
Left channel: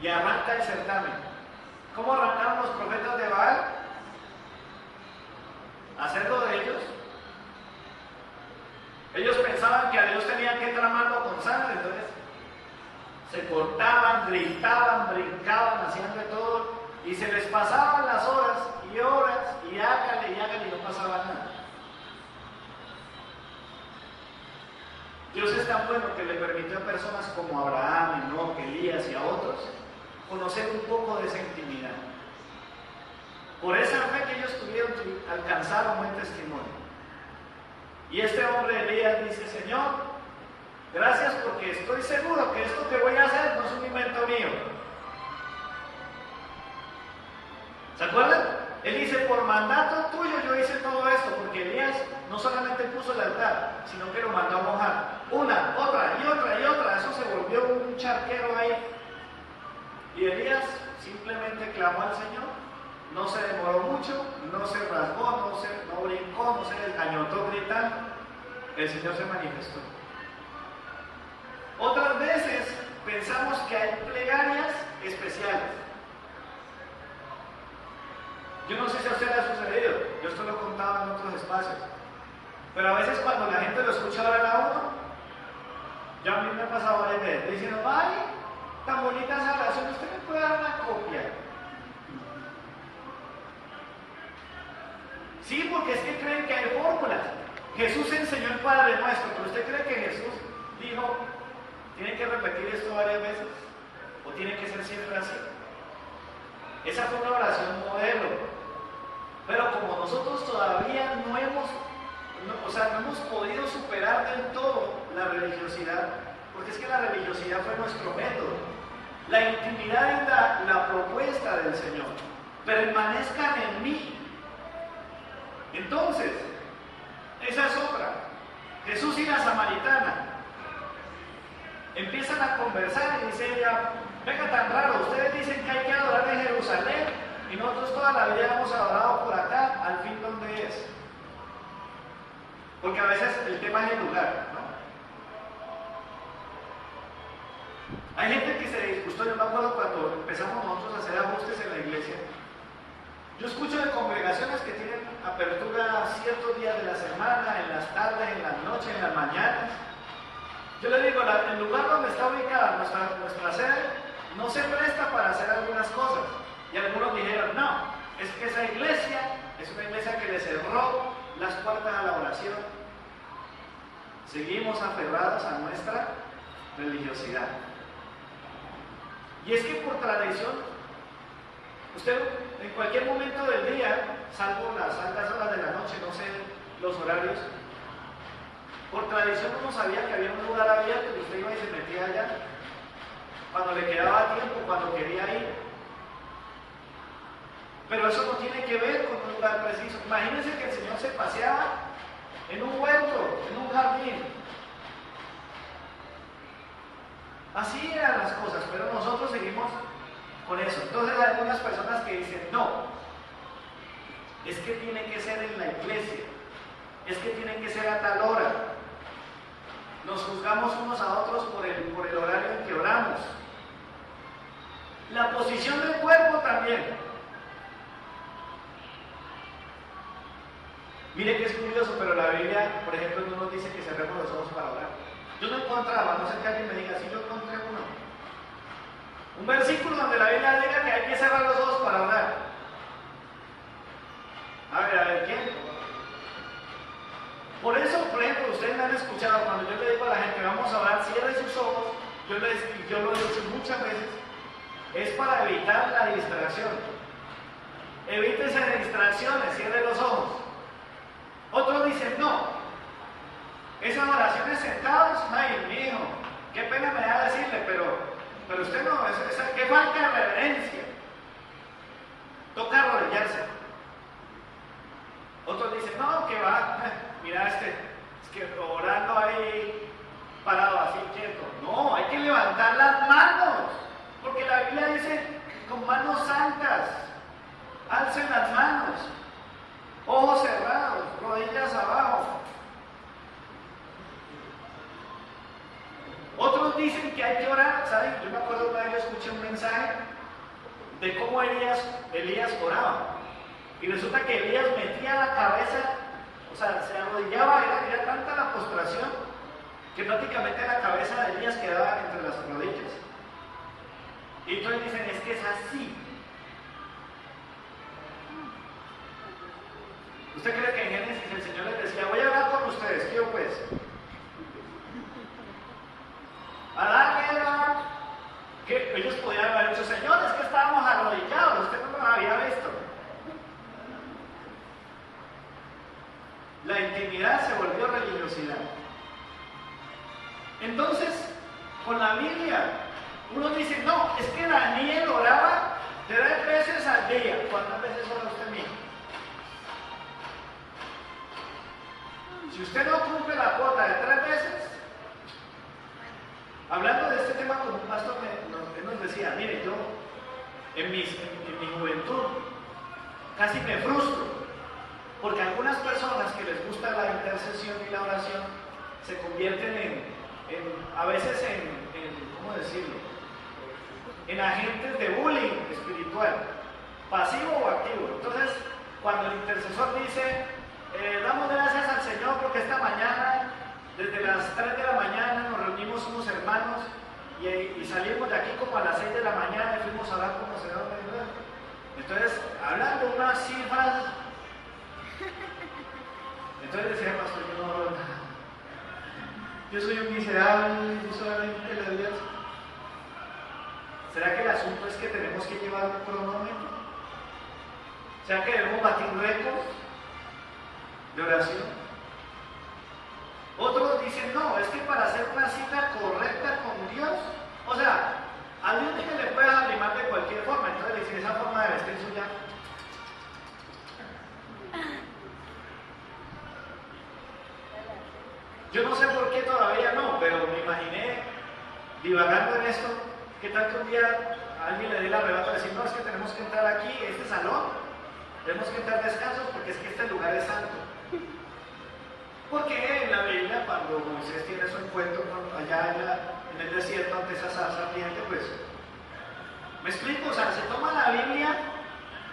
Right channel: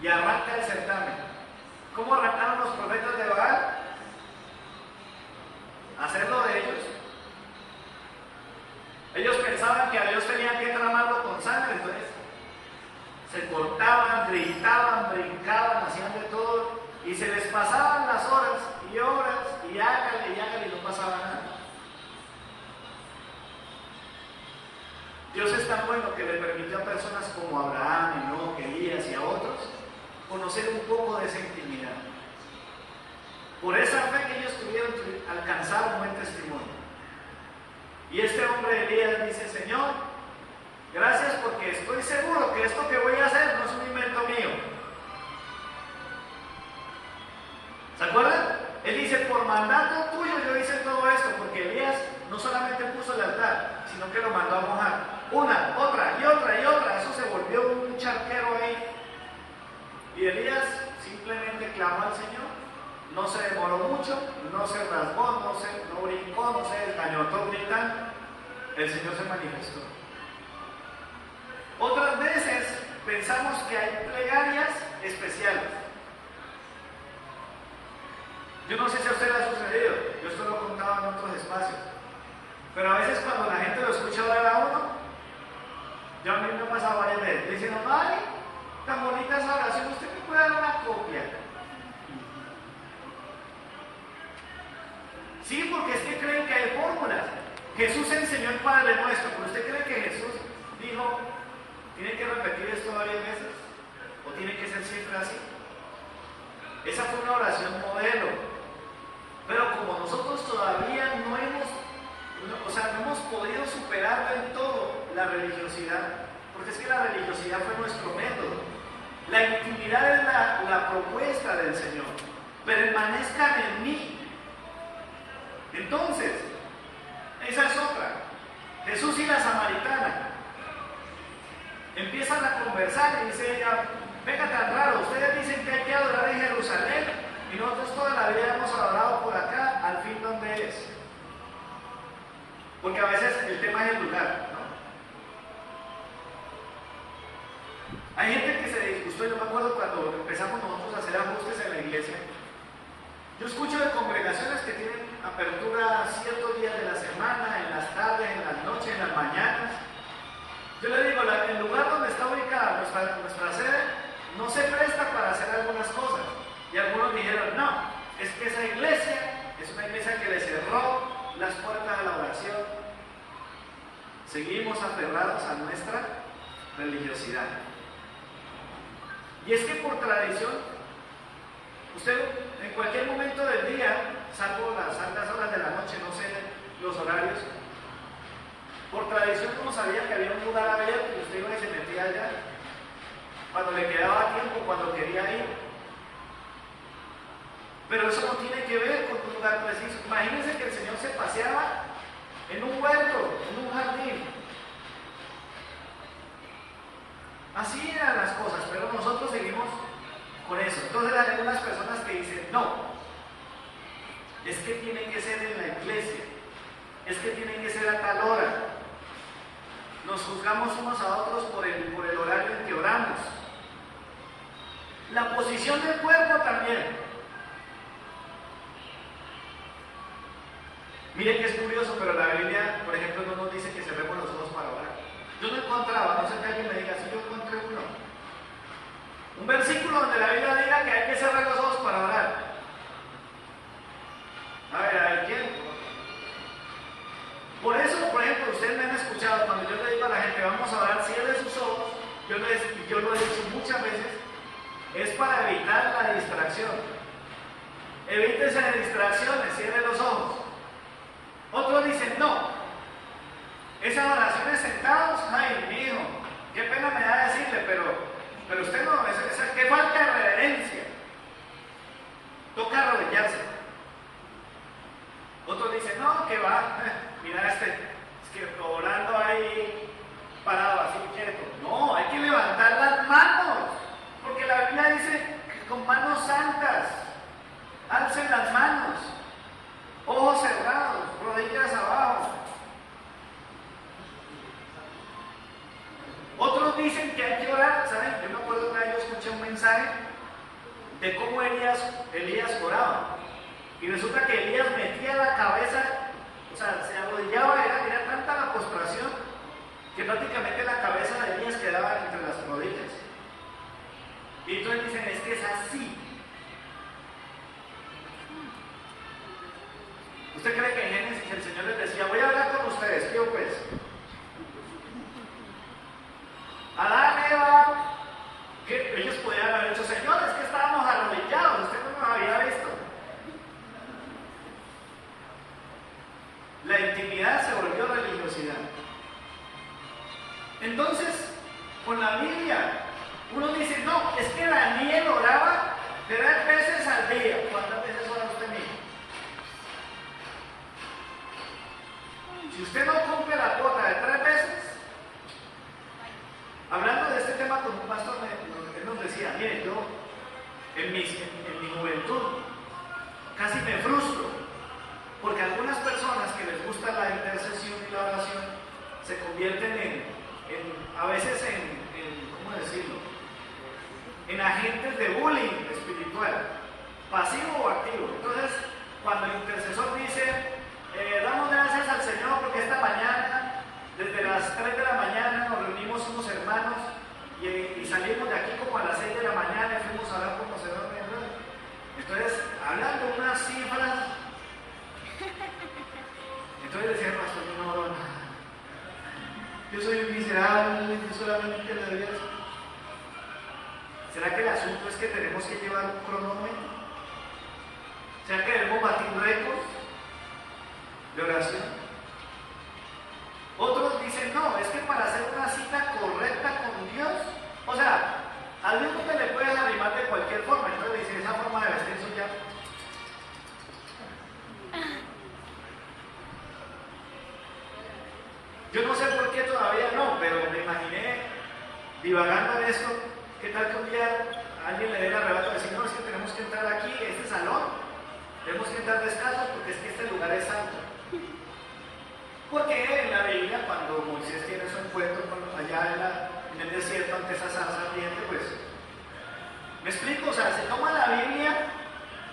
Y arranca el certamen. ¿Cómo arrancaron los profetas de Baal? Hacerlo de ellos. Ellos pensaban que a Dios tenían que tramarlo con sangre, entonces se cortaban, gritaban, brincaban, hacían de todo, y se les pasaban las horas, y hágale, y no pasaba nada. Dios es tan bueno que le permitió a personas como Abraham, Enoc, Elías y a otros conocer un poco de esa intimidad. Por esa fe que ellos tuvieron, alcanzar un buen testimonio. Y este hombre Elías dice: Señor, gracias porque estoy seguro que esto que voy a hacer no es un invento mío. ¿Se acuerdan? Él dice: por mandato tuyo yo hice todo esto, porque Elías no solamente puso el altar, sino que lo mandó a mojar. Una, otra, eso se volvió un charquero ahí. Y Elías simplemente clamó al Señor, no se demoró mucho, no se rasgó, no brincó, no se desgañotó gritando. El Señor se manifestó. Otras veces pensamos que hay plegarias especiales. Yo no sé si a usted le ha sucedido, yo esto lo he contado en otros espacios, pero a veces cuando la gente lo escucha orar a uno, ya a mí me ha pasado varias veces, diciendo: ay, tan bonita esa oración, usted me puede dar una copia. Sí, porque es que creen que hay fórmulas. Jesús enseñó el Padre Nuestro, pero ¿usted cree que Jesús dijo: tienen que repetir esto varias veces? ¿O tiene que ser siempre así? Esa fue una oración modelo. Pero como nosotros todavía no hemos podido superar del todo la religiosidad, porque es que la religiosidad fue nuestro método. La intimidad es la propuesta del Señor. Permanezcan en mí. Entonces, esa es otra. Jesús y la samaritana empiezan a conversar y dice ella: venga, tan raro, ustedes dicen que hay que adorar en Jerusalén y nosotros toda la vida hemos adorado por acá, al fin, ¿dónde es? Porque a veces el tema es el lugar, ¿no? Hay gente que se disgustó. Yo me acuerdo cuando empezamos nosotros a hacer ajustes en la iglesia. Yo escucho de congregaciones que tienen apertura ciertos días de la semana, en las tardes, en las noches, en las mañanas. Yo les digo, el lugar donde está ubicada nuestra sede no se presta para hacer algunas cosas. Y algunos dijeron: no, es que esa iglesia es una iglesia que le cerró las puertas a la oración. Seguimos aferrados a nuestra religiosidad. Y es que por tradición, usted en cualquier momento del día, salvo las altas horas de la noche, no sé los horarios. Por tradición uno sabía que había un lugar abierto y usted iba y se metía allá cuando le quedaba tiempo, cuando quería ir. Pero eso no tiene que ver con un lugar preciso. Imagínense que el Señor se paseaba en un huerto, en un jardín. Así eran las cosas, pero nosotros seguimos con eso. Entonces hay algunas personas que dicen, no, es que tiene que ser en la iglesia, es que tiene que ser a tal hora. Nos juzgamos unos a otros por el horario en que oramos. La posición del cuerpo también. Miren que es curioso, pero la Biblia, por ejemplo, no nos dice que cerremos los ojos para orar. Yo no encontraba, no sé que alguien me diga, si yo encontré uno. Un versículo donde la Biblia diga que hay que cerrar los ojos para orar. A ver, ¿quién? Por eso, por ejemplo, ustedes me han escuchado, cuando yo le digo a la gente, vamos a orar, cierren sus ojos, yo lo he dicho muchas veces, es para evitar la distracción. Evítese de distracciones, cierren los ojos. Otros dicen, no, esas oraciones sentados, ay, mijo, qué pena me da decirle, pero usted no, qué falta de reverencia. Toca arrodillarse. Otros dicen, no, que va, mira es que orando ahí, parado así, quieto. No, hay que levantar las manos, porque la Biblia dice, con manos santas, alcen las manos, ojos cerrados, rodillas abajo. Otros dicen que hay que orar, ¿saben? Yo me acuerdo que yo escuché un mensaje de cómo Elías oraba. Y resulta que Elías metía la cabeza, o sea, se arrodillaba, era tanta la postración que prácticamente la cabeza de Elías quedaba entre las rodillas. Y entonces dicen, es que es así. ¿Usted cree que en Génesis el Señor les decía, voy a hablar con ustedes, qué pues? Adán, Eva, que ellos podían haber dicho, Señor, es que estábamos arrodillados, usted no nos había visto. La intimidad se volvió religiosidad. Entonces, con la Biblia, uno dice, no, es que Daniel oraba 3 veces al día. ¿Cuántas veces ora usted mismo? Si usted no cumple la cuota de 3 veces, hablando de este tema con un pastor, él nos decía, mire, yo en mi juventud casi me frustro, porque algunas personas que les gusta la intercesión y la oración se convierten a veces ¿cómo decirlo? En agentes de bullying espiritual, pasivo o activo. Entonces, cuando el intercesor dice, damos gracias al Señor porque esta mañana, desde las 3 de la mañana, nos reunimos unos hermanos y salimos de aquí como a las 6 de la mañana y fuimos a orar como Señor me dio. Entonces, hablando unas cifras, entonces decía el pastor, yo no oro nada. Yo soy un miserable, yo solamente le doy eso. ¿Será que el asunto es que tenemos que llevar un cronómetro? ¿Será que debemos batir récords de oración? Otros dicen, no, es que para hacer una cita correcta con Dios, o sea, a Dios ni le puedes arrimar de cualquier forma. Entonces dicen, esa forma de vestir eso ya. Yo no sé por qué todavía no, pero me imaginé divagando en esto. ¿Qué tal que un día a alguien le dé el arrebato de decir, no, es que tenemos que entrar aquí, este salón, tenemos que entrar descalzos porque es que este lugar es santo? Porque en la Biblia, cuando Moisés tiene su encuentro allá en el desierto ante esa zarza ardiente, pues, ¿me explico? O sea, se toma la Biblia,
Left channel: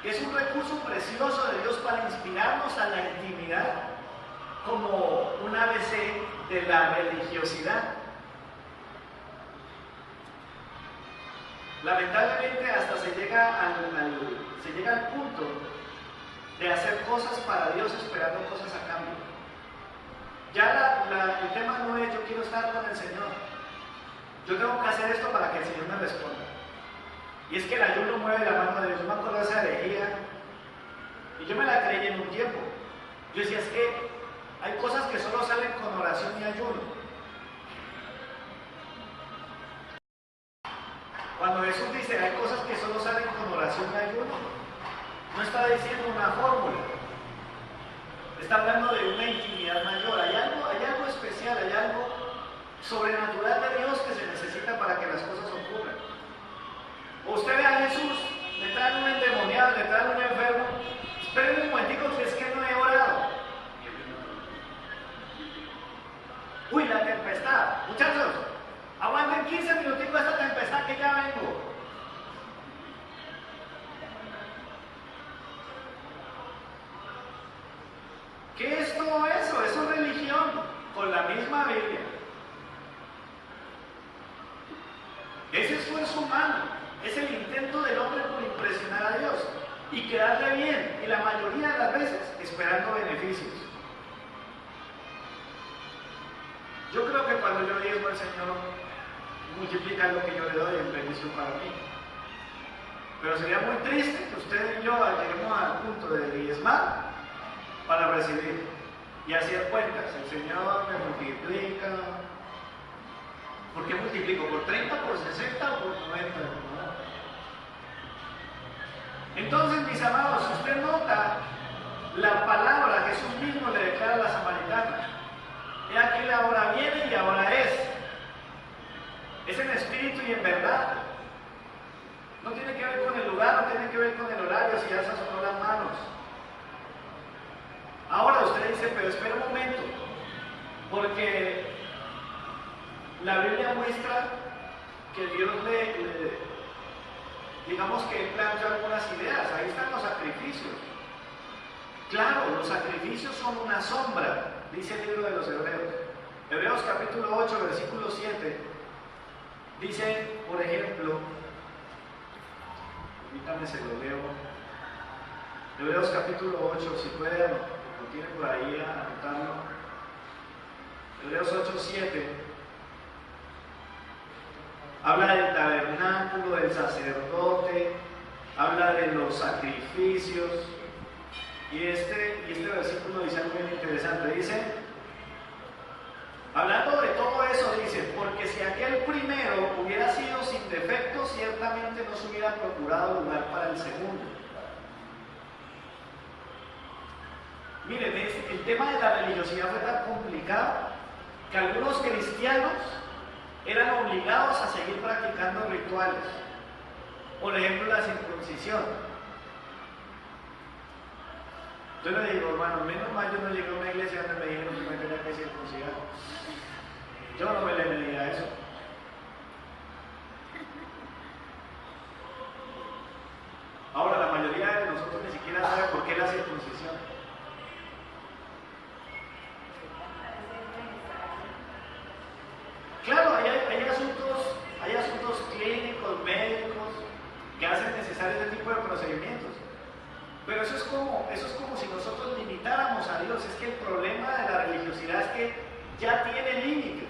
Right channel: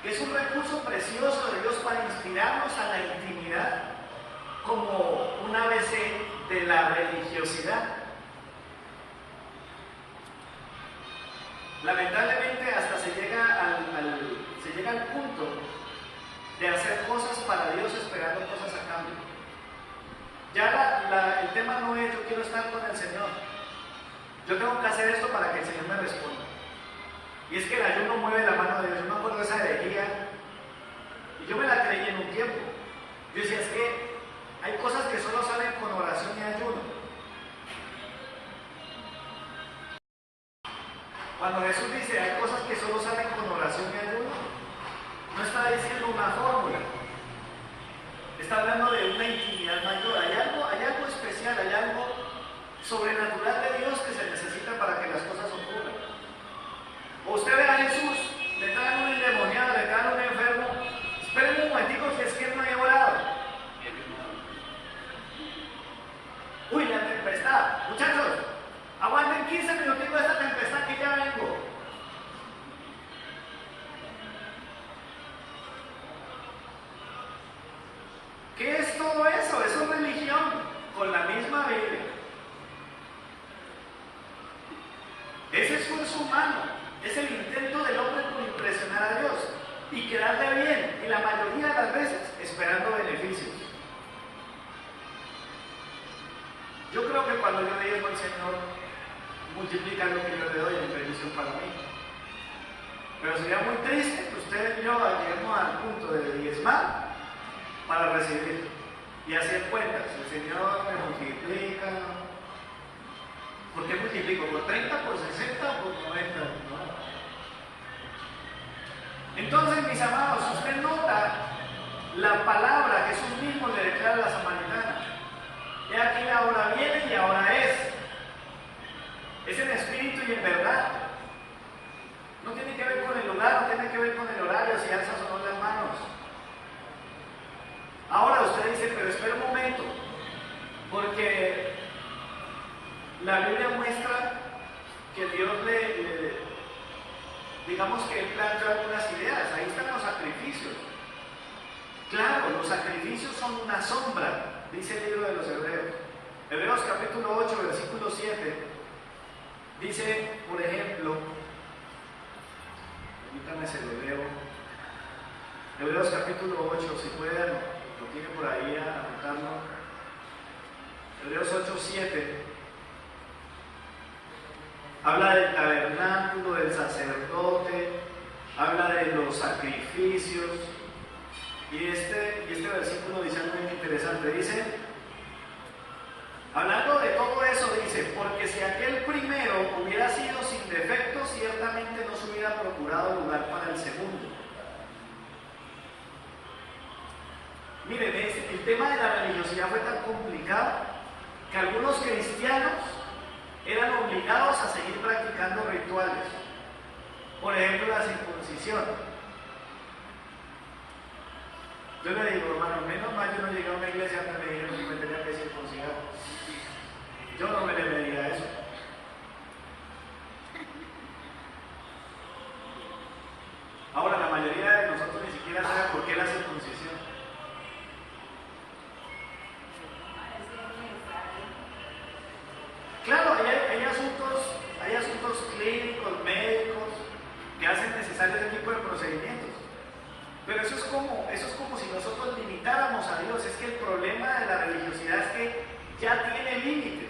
que es un recurso precioso de Dios para inspirarnos a la intimidad, como un ABC de la religiosidad. Lamentablemente hasta se llega al punto de hacer cosas para Dios esperando cosas a cambio. Ya el tema no es yo quiero estar con el Señor, yo tengo que hacer esto para que el Señor me responda. Y es que el ayuno mueve la mano de Dios. Yo me acuerdo de esa herejía y yo me la creí en un tiempo. Yo decía, es que sobrenatural de Dios que se necesita para que las cosas ocurran. O usted ve a Jesús, le traen un endemoniado, le traen un enfermo. Esperen un momentico, que es que no he orado. Uy, la tempestad. Muchachos, aguanten 15 minuticos esta tempestad que ya vengo. ¿Qué es todo eso? Eso es religión, con la misma Biblia. Ese esfuerzo humano es el intento del hombre por impresionar a Dios y quedarle bien, y la mayoría de las veces esperando beneficios. Yo creo que cuando yo diezmo al Señor, multiplica lo que yo le doy en bendición para mí. Pero sería muy triste que usted y yo lleguemos al punto de diezmar para recibir y hacer cuentas. El Señor me multiplica. ¿Por qué multiplico? ¿Por 30, por 60, por 90? ¿No? Entonces, mis amados, si usted nota la palabra, Jesús mismo le declara a la samaritana: he aquí la hora viene y ahora es. Es en espíritu y en verdad. No tiene que ver con el lugar, no tiene que ver con el horario, si alzas o no las manos. Ahora usted dice, pero espera un momento, porque la Biblia muestra que Dios digamos que Él planteó algunas ideas. Ahí están los sacrificios. Claro, los sacrificios son una sombra, dice el libro de los Hebreos. Hebreos capítulo 8, versículo 7, dice, por ejemplo, permítanme se lo leo. Hebreos capítulo 8, si pueden, lo tienen por ahí a anotarlo. Hebreos 8, 7. Habla del tabernáculo, del sacerdote, habla de los sacrificios. Y este versículo dice algo muy interesante. Dice, hablando de todo eso, dice, porque si aquel primero hubiera sido sin defecto, ciertamente no se hubiera procurado lugar para el segundo. Miren, el tema de la religiosidad fue tan complicado que algunos cristianos eran obligados a seguir practicando rituales. Por ejemplo, la circuncisión. Yo le digo, hermano, menos mal yo no llegué a una iglesia donde me dijeron que me tenía que circuncidar. Yo no me le medía eso. Ahora, la mayoría de nosotros ni siquiera sabe por qué la circuncisión. Claro, hay asuntos clínicos, médicos, que hacen necesario ese tipo de procedimientos. Pero eso es como si nosotros limitáramos a Dios. Es que el problema de la religiosidad es que ya tiene límites.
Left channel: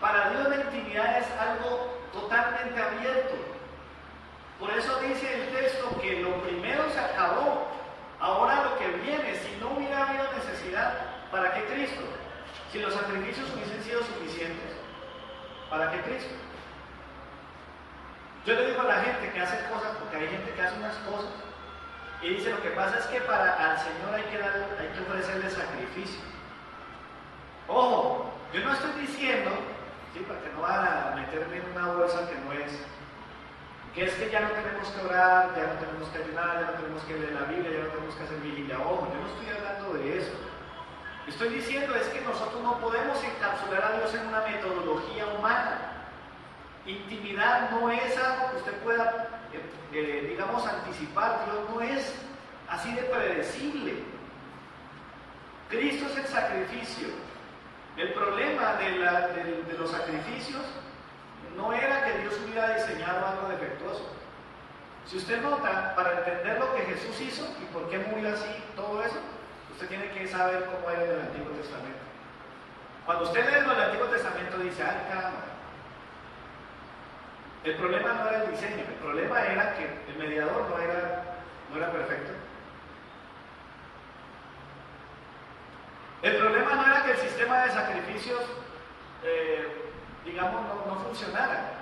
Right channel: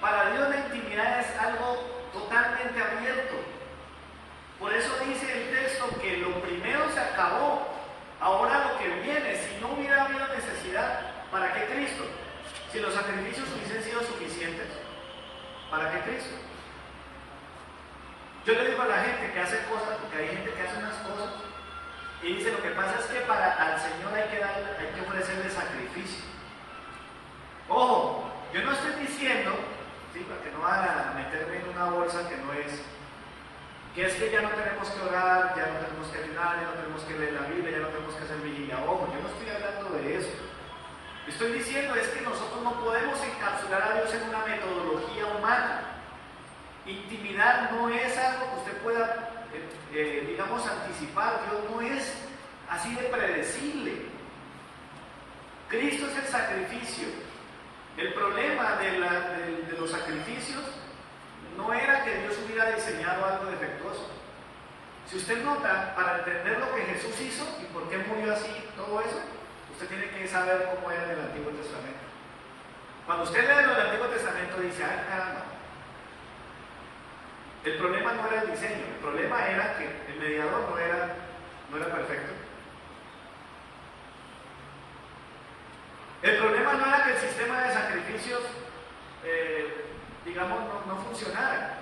Para Dios la intimidad es algo totalmente abierto. Por eso dice el texto que lo primero se acabó. Ahora lo que viene, si no hubiera habido necesidad, ¿para qué Cristo? Si los sacrificios hubiesen sido suficientes, ¿para qué Cristo? Yo le digo a la gente que hace cosas, porque hay gente que hace unas cosas y dice, lo que pasa es que al Señor hay que ofrecerle sacrificio. Ojo, yo no estoy diciendo, ¿sí?, para que no van a meterme en una bolsa que no es que ya no tenemos que orar, ya no tenemos que ayunar, ya no tenemos que leer la Biblia, ya no tenemos que hacer vigilia. Ojo, yo no estoy hablando de eso. Estoy diciendo es que nosotros no podemos encapsular a Dios en una metodología humana. Intimidad no es algo que usted pueda, digamos, anticipar. Dios no es así de predecible. Cristo es el sacrificio. El problema de los sacrificios no era que Dios hubiera diseñado algo defectuoso. Si usted nota, para entender lo que Jesús hizo y por qué murió así, todo eso, usted tiene que saber cómo era en el Antiguo Testamento. Cuando usted lee lo del Antiguo Testamento dice, ay caramba, el problema no era el diseño, el problema era que el mediador no era perfecto. El problema no era que el sistema de sacrificios, digamos, no funcionara.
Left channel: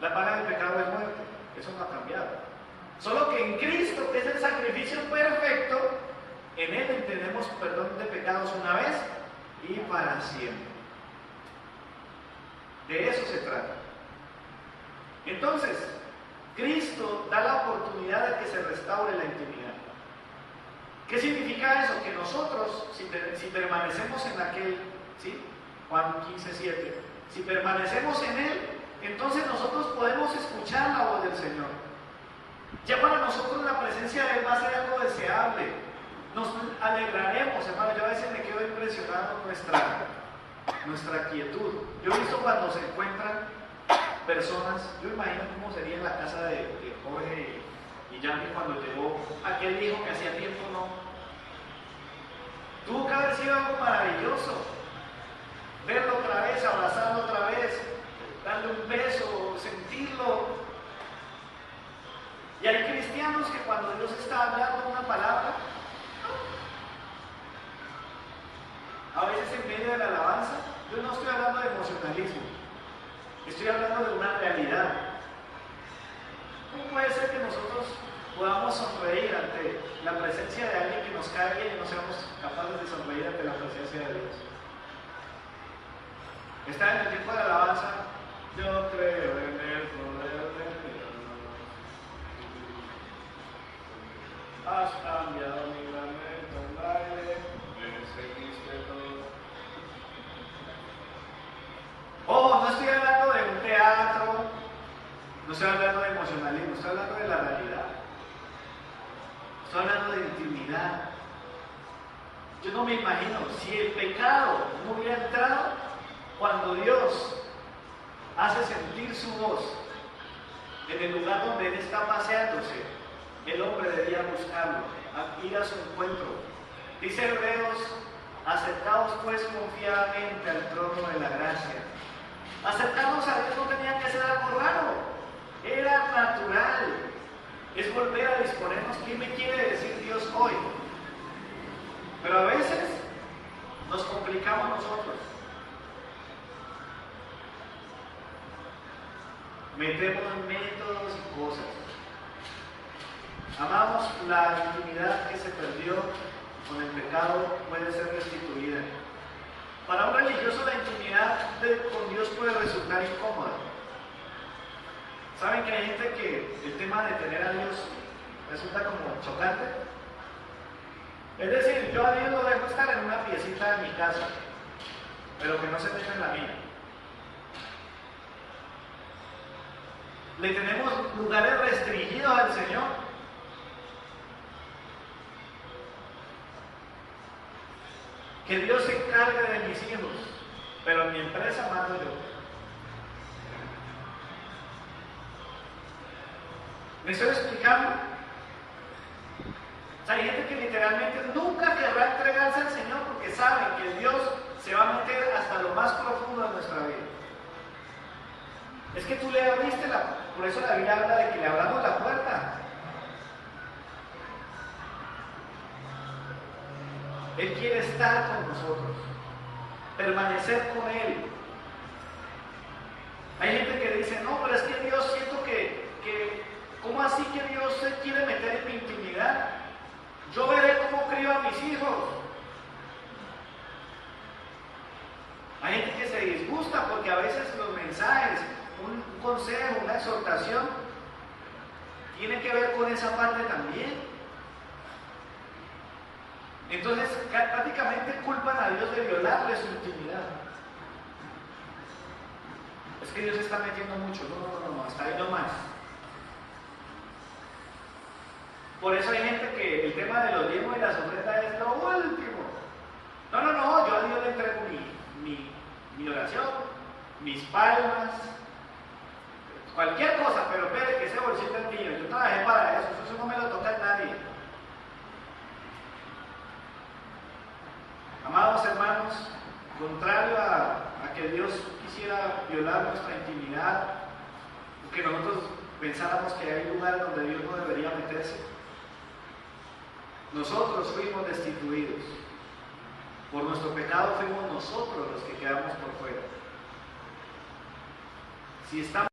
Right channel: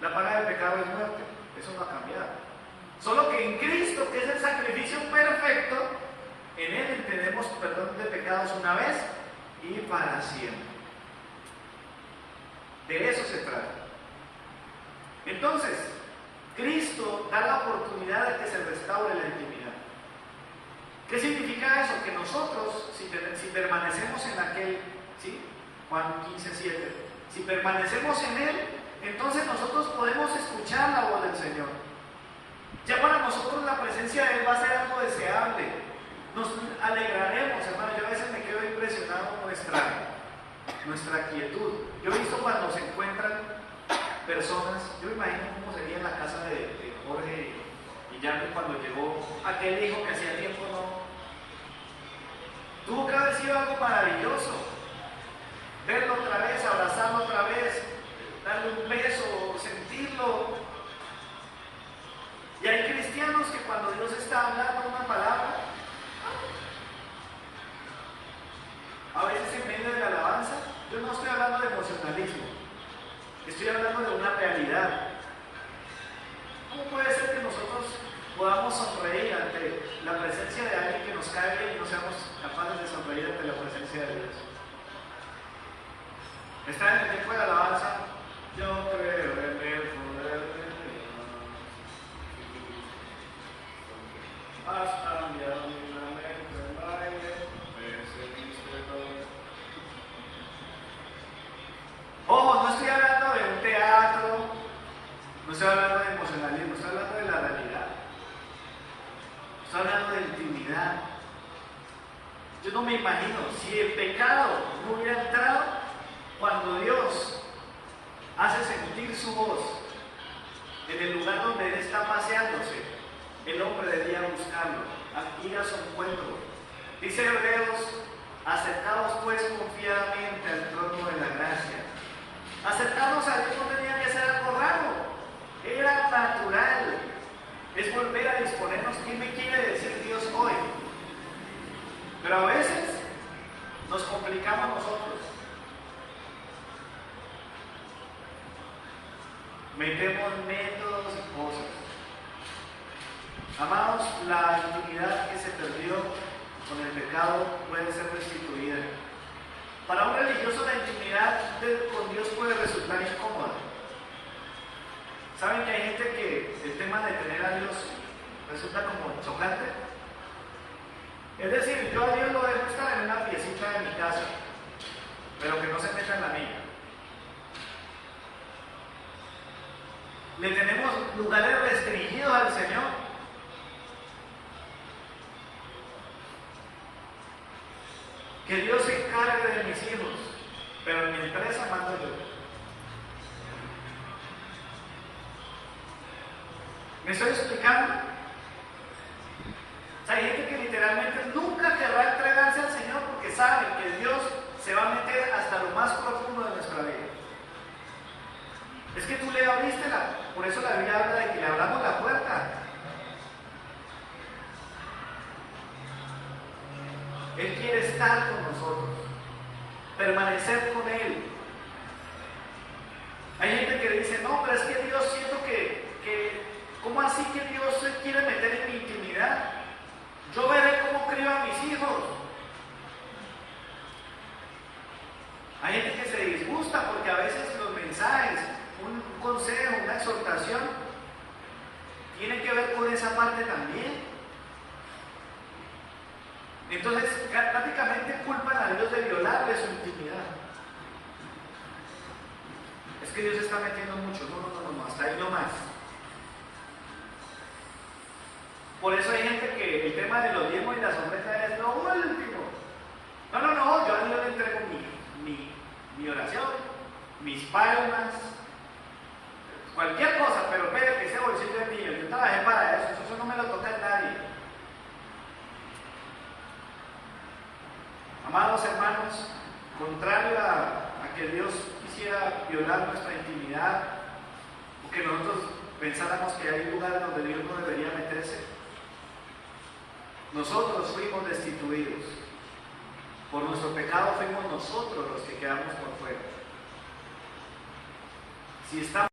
La paga del pecado es muerte, eso no ha cambiado. Solo que en Cristo, que es el sacrificio perfecto, en Él tenemos perdón de pecados una vez y para siempre. De eso se trata. Entonces, Cristo da la oportunidad de que se restaure la intimidad. ¿Qué significa eso? Que nosotros, si permanecemos en aquel, ¿sí? Juan 15:7, si permanecemos en Él, entonces nosotros podemos escuchar la voz del Señor. Ya para nosotros la presencia de Él va a ser algo deseable. Nos alegraremos, hermano. Yo a veces me quedo impresionado con nuestra quietud. Yo he visto cuando se encuentran personas, yo me imagino cómo sería en la casa de Jorge y Yandy cuando llegó aquel hijo que hacía tiempo no. Tuvo que haber sido algo maravilloso. Verlo otra vez, abrazarlo otra vez, darle un beso, sentirlo. Y hay cristianos que cuando Dios está hablando una palabra, a veces en medio de la alabanza, yo no estoy hablando de emocionalismo, estoy hablando de una realidad. ¿Cómo puede ser que nosotros podamos sonreír ante la presencia de alguien que nos cae bien y no seamos capaces de sonreír ante la presencia de Dios? Está en el tiempo de alabanza, yo creo en el poder de Dios. Has cambiado mi lamento en baile, me seguiste todo. Ojo, no estoy hablando de un teatro, no estoy hablando de emocionalismo, estoy hablando de la realidad. Estoy hablando de intimidad. Yo no me imagino si el pecado no hubiera entrado. Cuando Dios hace sentir su voz en el lugar donde Él está paseándose, el hombre debía buscarlo, ir a su encuentro. Dice Hebreos: acercaos pues confiadamente al trono de la gracia. Acercarnos a Dios no tenía que ser algo raro, era natural. Es volver a disponernos. ¿Qué me quiere decir Dios hoy? Pero a veces nos complicamos nosotros. Metemos métodos y cosas. Amados, la intimidad que se perdió con el pecado puede ser restituida. Para un religioso la intimidad con Dios puede resultar incómoda. ¿Saben que hay gente que el tema de tener a Dios resulta como chocante? Es decir, yo a Dios lo dejo estar en una piecita de mi casa, pero que no se meta en la mía. Le tenemos lugares restringidos al Señor. Que Dios se encargue de mis hijos, pero en mi empresa mando yo. ¿Me estoy explicando? O sea, hay gente que literalmente nunca querrá entregarse al Señor porque sabe que Dios se va a meter hasta lo más profundo de nuestra vida. Es que tú le abriste por eso la Biblia habla de que le abramos la puerta. Él quiere estar con nosotros, permanecer con Él. Hay gente que dice: no, pero es que Dios, siento que ¿cómo así que Dios se quiere meter en mi intimidad? Yo veré cómo crío a mis hijos. Hay gente que se disgusta porque a veces los mensajes, un consejo, una exhortación, tiene que ver con esa parte también. Entonces, prácticamente culpan a Dios de violarle su intimidad. Es que Dios se está metiendo mucho. No, hasta ahí no más. Por eso hay gente que el tema de los diezmos y las ofrendas es lo último. No, yo a Dios le entrego mi oración, mis palmas, cualquier cosa, pero espere que ese bolsillo es mío. Yo trabajé para eso no me lo toca a nadie. Amados hermanos, contrario a que Dios quisiera violar nuestra intimidad, o que nosotros pensáramos que hay lugares donde Dios no debería meterse, nosotros fuimos destituidos. Por nuestro pecado fuimos nosotros los que quedamos por fuera. Si estamos...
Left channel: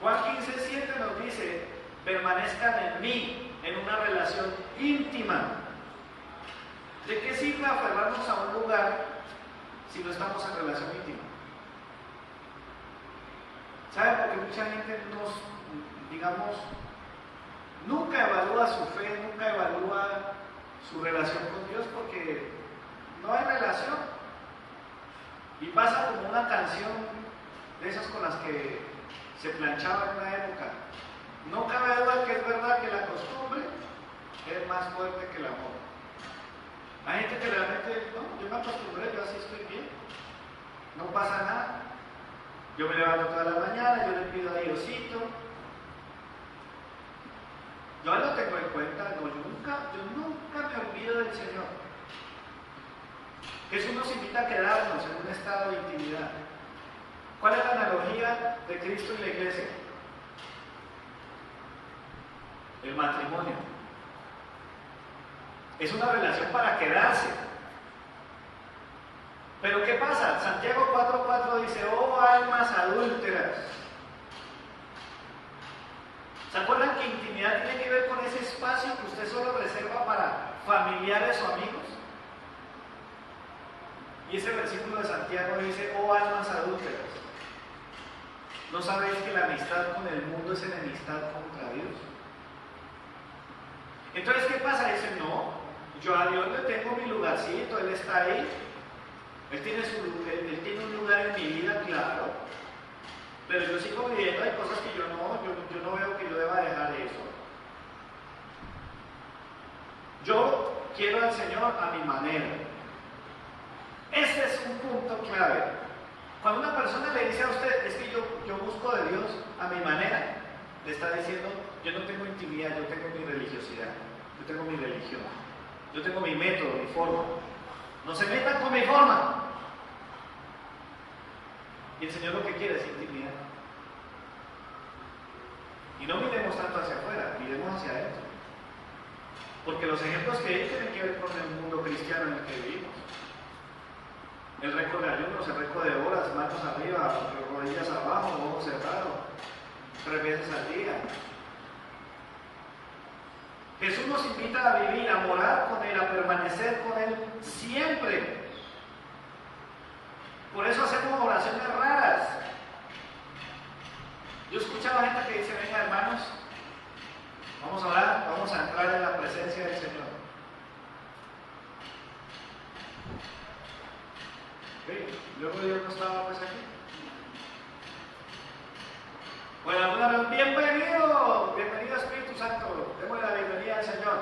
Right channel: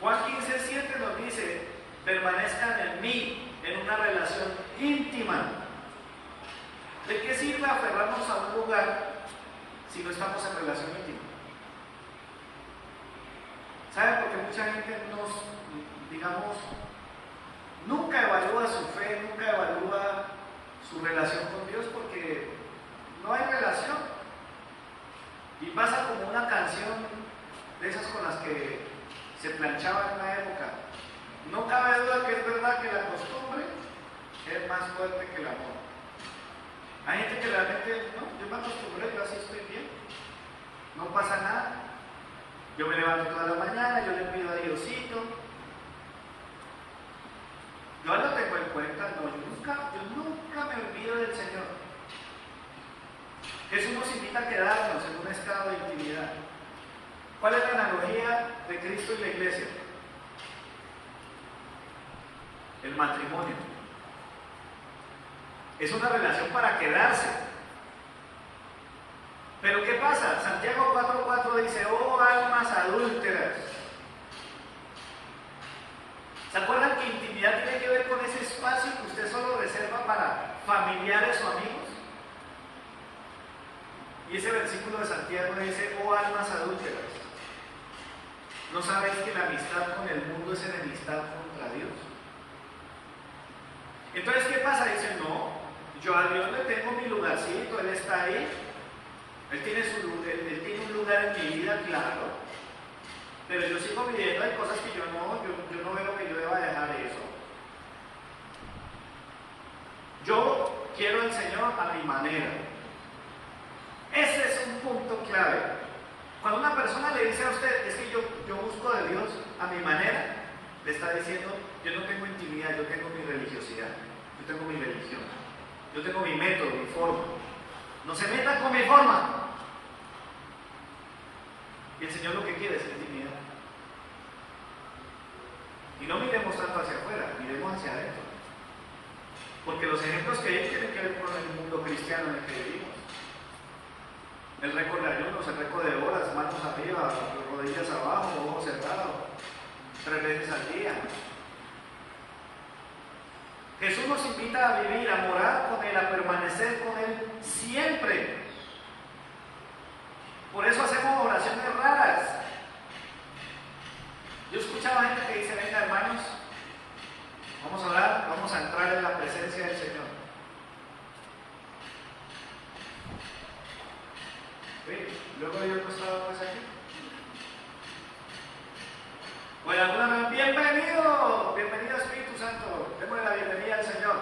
Juan 15:7 nos dice: permanezcan en mí, en una relación íntima. ¿De qué sirve aferrarnos a un lugar no estamos en relación íntima. ¿Saben por qué mucha gente digamos, nunca evalúa su fe, nunca evalúa su relación con Dios? Porque no hay relación. Y pasa como una canción de esas con las que se planchaba en una época. No cabe duda que es verdad que la costumbre es más fuerte que el amor. Hay gente que realmente, no, yo me acostumbré, yo así estoy bien, no pasa nada. Yo me levanto toda la mañana, yo le pido a Diosito. Yo lo tengo en cuenta, no, yo nunca me olvido del Señor. Jesús nos invita a quedarnos en un estado de intimidad. ¿Cuál es la analogía de Cristo y la iglesia? El matrimonio. Es una relación para quedarse. Pero ¿qué pasa? Santiago 4:4 dice: oh almas adúlteras. ¿Se acuerdan que intimidad tiene que ver con ese espacio que usted solo reserva para familiares o amigos? Y ese versículo de Santiago dice: oh almas adúlteras. ¿No sabéis que la amistad con el mundo es enemistad contra Dios? Entonces, ¿qué pasa? Dice: no, yo a Dios le tengo mi lugarcito, Él está ahí. Él tiene un lugar en mi vida, claro. Pero yo sigo viviendo, hay cosas que yo no veo que yo deba dejar eso. Yo quiero al Señor a mi manera. Ese es un punto clave. Cuando una persona le dice a usted: es que yo busco de Dios a mi manera, le está diciendo: yo no tengo intimidad, yo tengo mi religiosidad, yo tengo mi religión, yo tengo mi método, mi forma. No se metan con mi forma. Y el Señor lo que quiere es intimidad. Y no miremos tanto hacia afuera, miremos hacia adentro. Porque los ejemplos que hay tienen que ver con el mundo cristiano en el que vivimos. El récord de ayunos, el récord de horas, manos arriba, rodillas abajo, ojos cerrados, 3 veces al día. Jesús nos invita a vivir, a morar con Él, a permanecer con Él siempre. Por eso hacemos oraciones raras. Yo escuchaba gente que dice: venga, hermanos, vamos a orar, vamos a entrar en la presencia del Señor. Luego yo no estaba pues aquí. Bueno, alguna vez: bienvenido Espíritu Santo, démosle la bienvenida al Señor.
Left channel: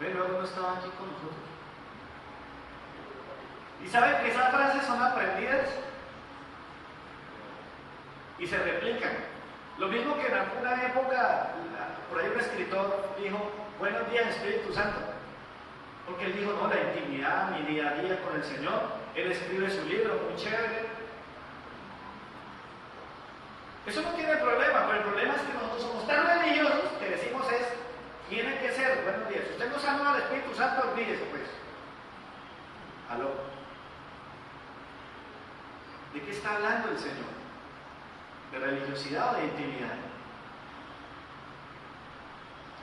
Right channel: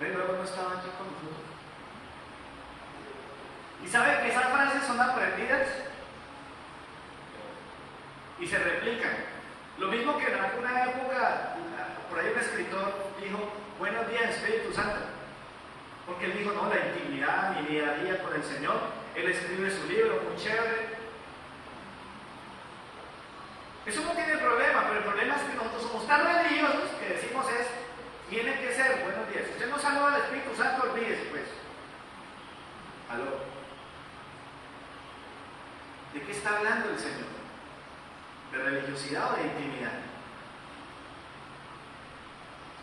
Luego no estaba aquí con nosotros. ¿Y saben que esas frases son aprendidas? Y se replican. Lo mismo que en alguna época, por ahí un escritor dijo: buenos días Espíritu Santo. Porque él dijo: no, la intimidad, mi día a día con el Señor. Él escribe su libro, muy chévere. Eso no tiene problema, pero el problema es que nosotros somos tan religiosos que decimos tiene que ser buenos días. Si usted no saluda al Espíritu Santo, olvídese pues. ¿Aló? ¿De qué está hablando el Señor? ¿De religiosidad o de intimidad?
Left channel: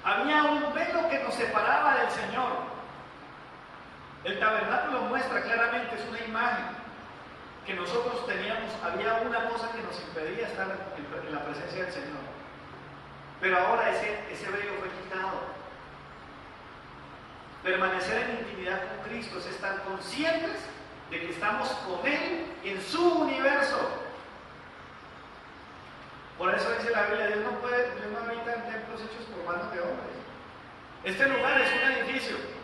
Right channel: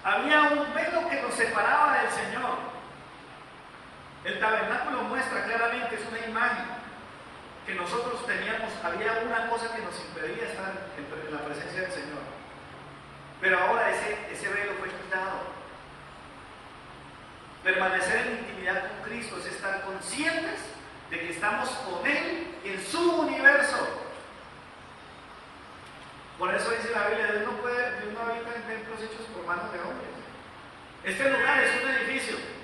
Había un velo que nos separaba del Señor. El tabernáculo muestra claramente, es una imagen que nosotros teníamos. Había una cosa que nos impedía estar en la presencia del Señor. Pero ahora ese velo fue quitado. Permanecer en intimidad con Cristo es estar conscientes de que estamos con Él en su universo. Por eso dice la Biblia: Dios no habita en templos hechos por manos de hombres. Este lugar es un edificio.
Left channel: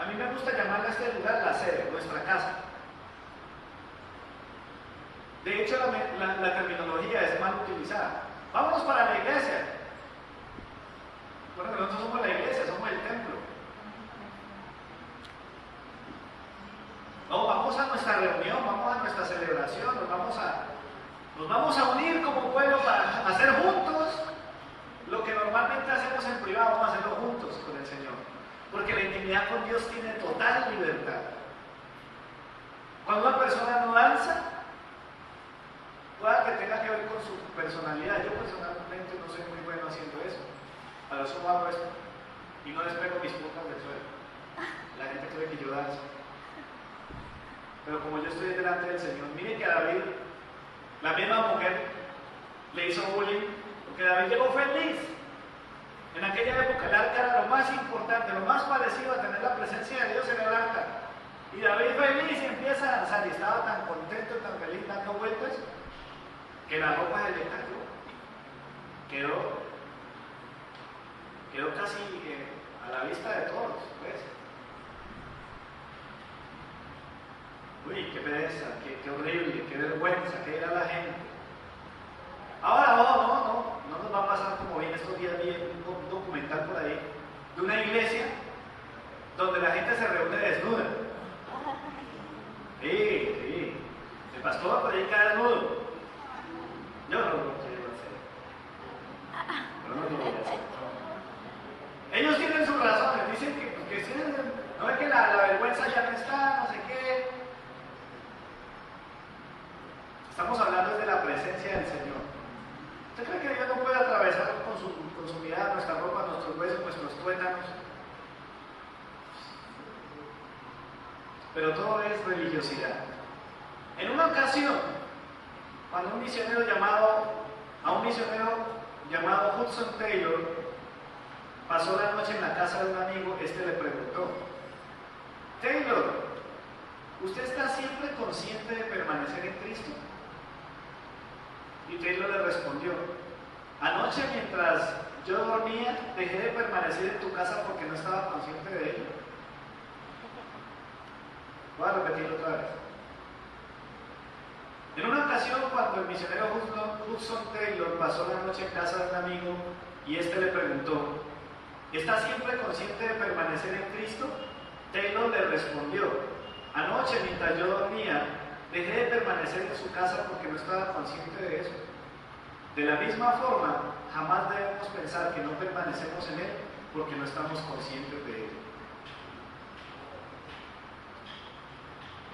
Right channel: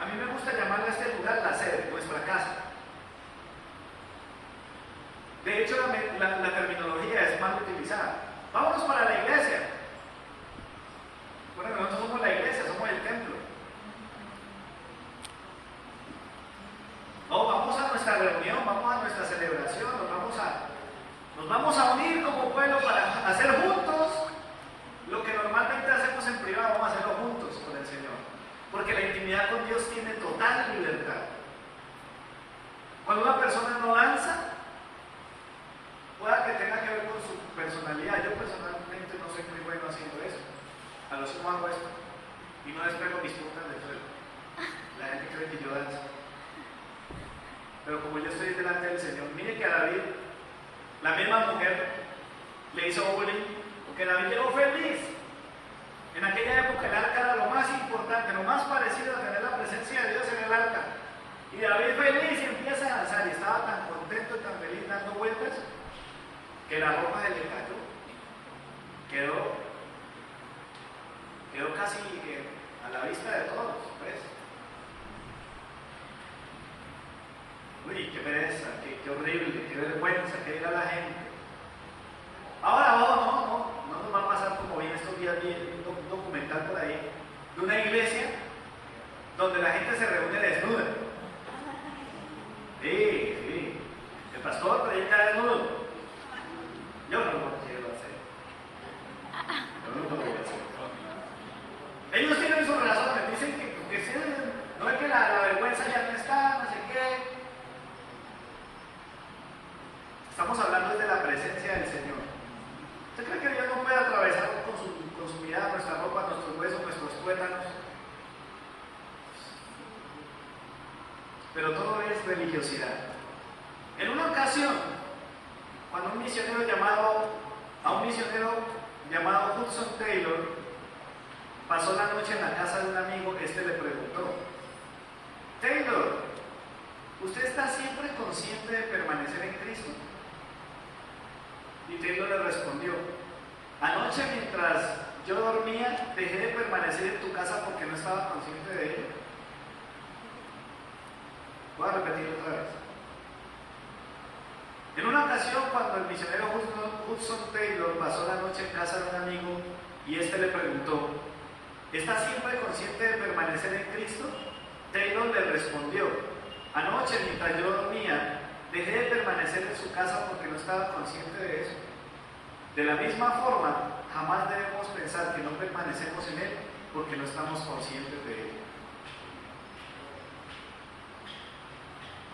A mí me gusta llamarle a este lugar la sede, nuestra casa. De hecho, la terminología es mal utilizada. Vámonos para la iglesia. Bueno, nosotros somos la iglesia, somos el templo. No, vamos a nuestra reunión, vamos a nuestra celebración, nos vamos a unir como pueblo para hacer juntos lo que normalmente hacemos en privado. Vamos a hacerlo juntos con el Señor. Porque la intimidad con Dios tiene total libertad. Cuando una persona no danza, pueda que tenga que ver con su personalidad. Yo personalmente no soy muy bueno haciendo eso. A lo sumo hago esto y no despego mis puntas del suelo. La gente cree que yo danzo. pero como yo estoy delante del Señor, mire que a David, la misma mujer le hizo bullying, porque David llegó feliz. En aquella época el arca era lo más importante, lo más parecido a tener la presencia de Dios en el arca. Y David feliz y empieza a danzar, y estaba tan contento y tan feliz dando vueltas, que la ropa se le cayó. Quedó casi a la vista de todos, pues. Uy, qué pereza, qué horrible, qué vergüenza, qué era la gente. Ahora, no nos va a pasar como bien estos días, vi un documental por ahí de una iglesia donde la gente se reúne desnuda. Sí, el pastor predica desnudo. Yo no lo quiero hacer. Yo no lo voy a hacer. Ellos tienen sus razones, dicen que sí, no es que la vergüenza ya no está, no sé qué. Estamos hablando de la presencia del Señor. ¿Usted cree que Dios no puede atravesar con su mirada nuestra ropa, nuestros huesos, nuestros tuétanos? Pero todo es religiosidad. En una ocasión, cuando a un misionero llamado Hudson Taylor pasó la noche en la casa de un amigo, este le preguntó: Taylor, ¿usted está siempre consciente de permanecer en Cristo? Y Taylor le respondió: anoche mientras yo dormía dejé de permanecer en tu casa porque no estaba consciente de ello. Voy a repetirlo otra vez. En una ocasión, cuando el misionero Hudson Taylor pasó la noche en casa de un amigo y este le preguntó: ¿estás siempre consciente de permanecer en Cristo? Taylor le respondió: anoche mientras yo dormía dejé de permanecer en su casa porque no estaba consciente de eso. De la misma forma, jamás debemos pensar que no permanecemos en Él porque no estamos conscientes de Él.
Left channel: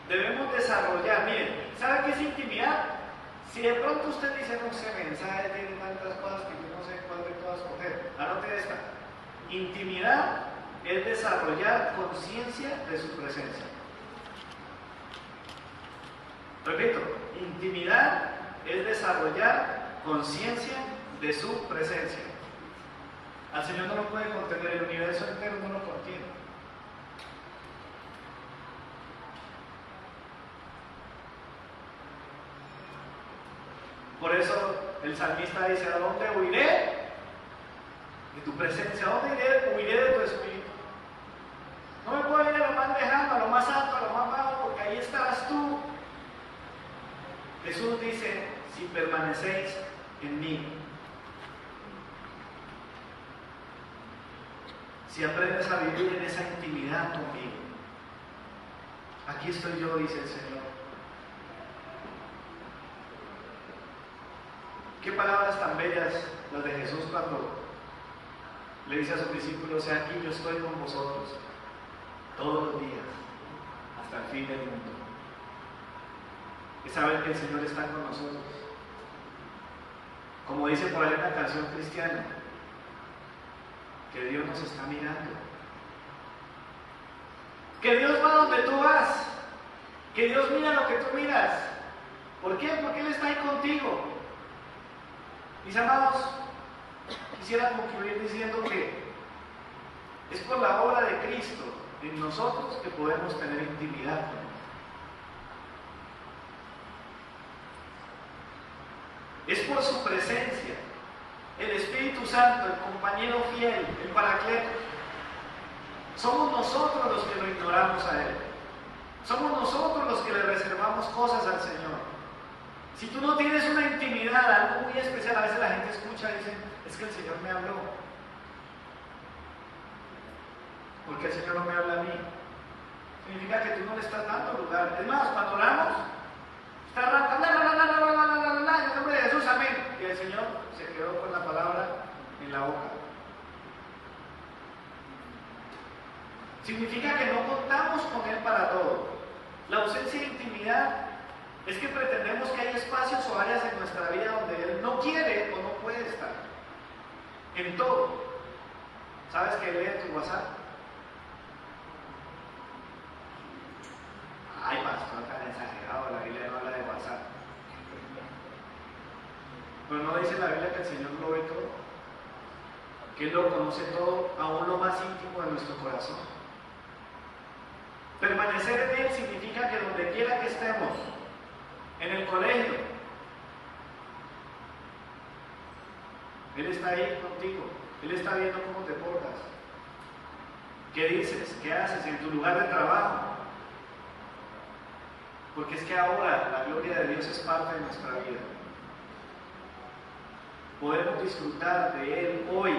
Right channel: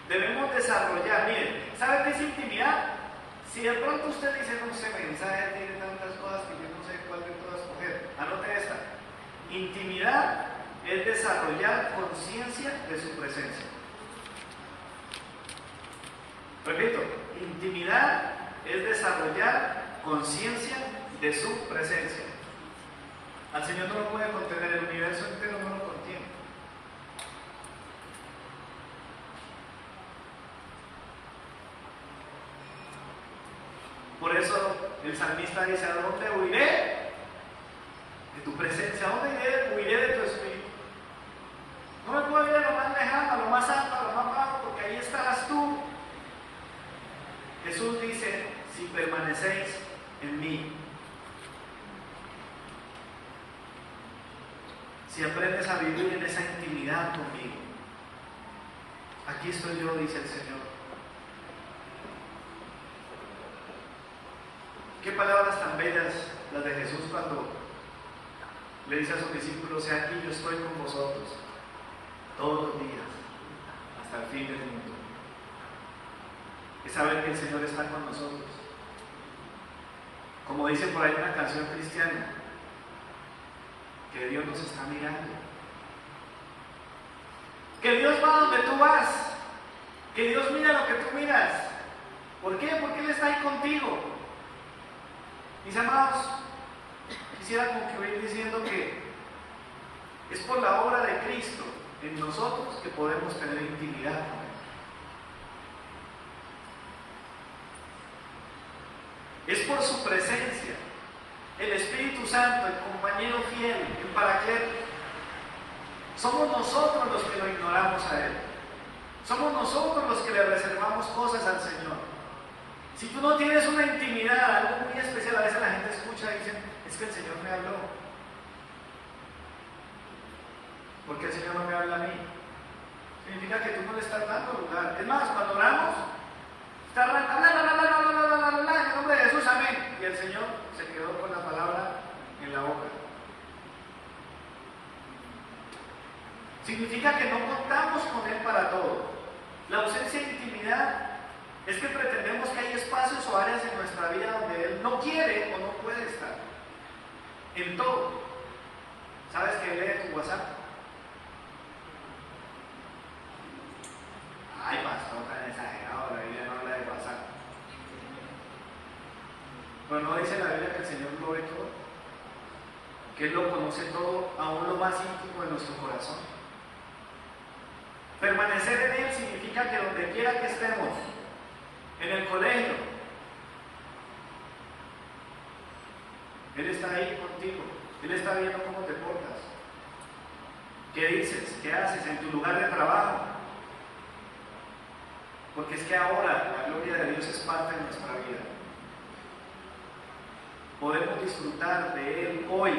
Debemos desarrollar, miren, ¿sabe qué es intimidad? Si de pronto usted dice: no sé, mensaje tiene tantas cosas que yo no sé cuál de todas escoger, anote esta. Intimidad es desarrollar conciencia de su presencia. Repito, intimidad es desarrollar conciencia de su presencia. Al Señor no lo puede contener, el universo entero no lo contiene. Por eso el salmista dice: ¿a dónde huiré? De tu presencia. ¿A dónde iré? Huiré de tu espíritu. No me puedo ir a lo más lejano, a lo más alto, a lo más bajo, porque ahí estarás tú. Jesús dice: si permanecéis en mí, si aprendes a vivir en esa intimidad conmigo, aquí estoy yo, dice el Señor. Qué palabras tan bellas las de Jesús cuando le dice a sus discípulos: he aquí, yo estoy con vosotros todos los días hasta el fin del mundo. Es saber que el Señor está con nosotros. Como dice por ahí una canción cristiana, que Dios nos está mirando. Que Dios va donde tú vas. Que Dios mira lo que tú miras. ¿Por qué? Porque Él está ahí contigo. Mis amados, quisiera concluir diciendo que es por la obra de Cristo en nosotros que podemos tener intimidad con Él. Es por su presencia, el Espíritu Santo, el compañero fiel, el Paracleto. Somos nosotros los que lo ignoramos a Él. Somos nosotros los que le reservamos cosas al Señor. Si tú no tienes una intimidad, algo muy especial, a veces la gente escucha y dice: es que el Señor me habló. ¿Por qué el Señor no me habla a mí? Significa que tú no le estás dando lugar. Es más, cuando oramos, está hablando, en nombre de Jesús, amén. Y el Señor se quedó con la palabra en la boca. Significa que no contamos con Él para todo. La ausencia de intimidad es que pretendemos que hay espacios o áreas en nuestra vida donde Él no quiere o no puede estar. En todo. ¿Sabes que lee tu WhatsApp? Ay, pastor, ¿No dice la Biblia que el Señor lo ve todo? Que Él lo conoce todo, aún lo más íntimo de nuestro corazón. Permanecer en Él significa que donde quiera que estemos, en el colegio, Él está ahí contigo. Él está viendo cómo te portas. ¿Qué dices? ¿Qué haces en tu lugar de trabajo? Porque es que ahora la gloria de Dios es parte de nuestra vida. Podemos disfrutar de Él hoy.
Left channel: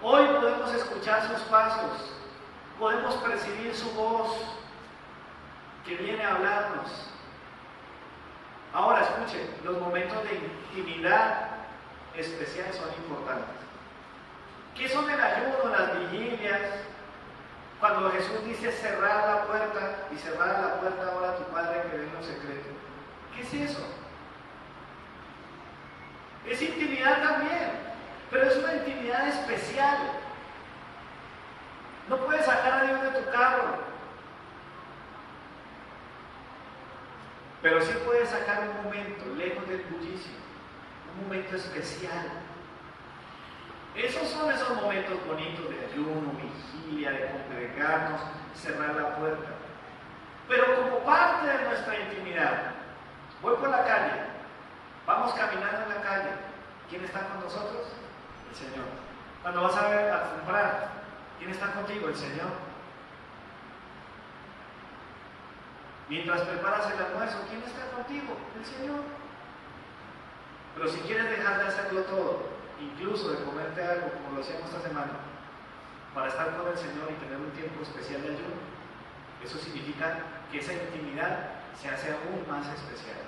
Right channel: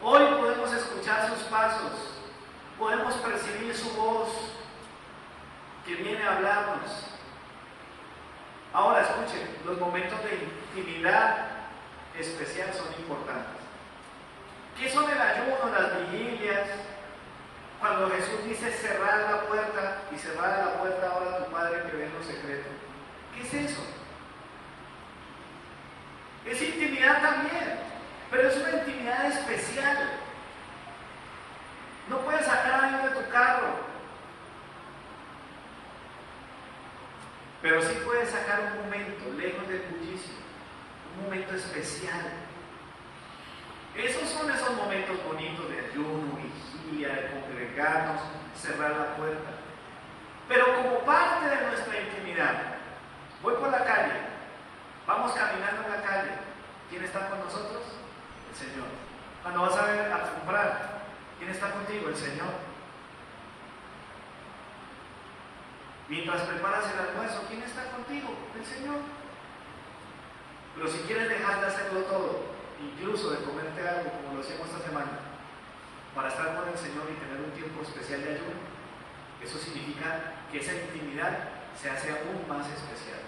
Hoy podemos escuchar sus pasos. Podemos percibir su voz que viene a hablarnos. Ahora escuchen, los momentos de intimidad especial son importantes. ¿Qué son el ayuno, las vigilias? Cuando Jesús dice cerrar la puerta y cerrar la puerta ahora a tu Padre que ve en lo secreto. ¿Qué es eso? Es intimidad también, pero es una intimidad especial. No puedes sacar a Dios de tu carro, pero sí puedes sacar un momento lejos del bullicio, un momento especial. Esos son esos momentos bonitos de ayuno, vigilia, de congregarnos, cerrar la puerta. Pero como parte de nuestra intimidad, voy por la calle, vamos caminando en la calle. ¿Quién está con nosotros? El Señor. Cuando vas a comprar, ¿quién está contigo? El Señor. Mientras preparas el almuerzo, ¿quién está contigo? El Señor. Pero si quieres dejar de hacerlo todo, incluso de comerte algo, como lo hacíamos esta semana, para estar con el Señor y tener un tiempo especial de ayuno, eso significa que esa intimidad se hace aún más especial.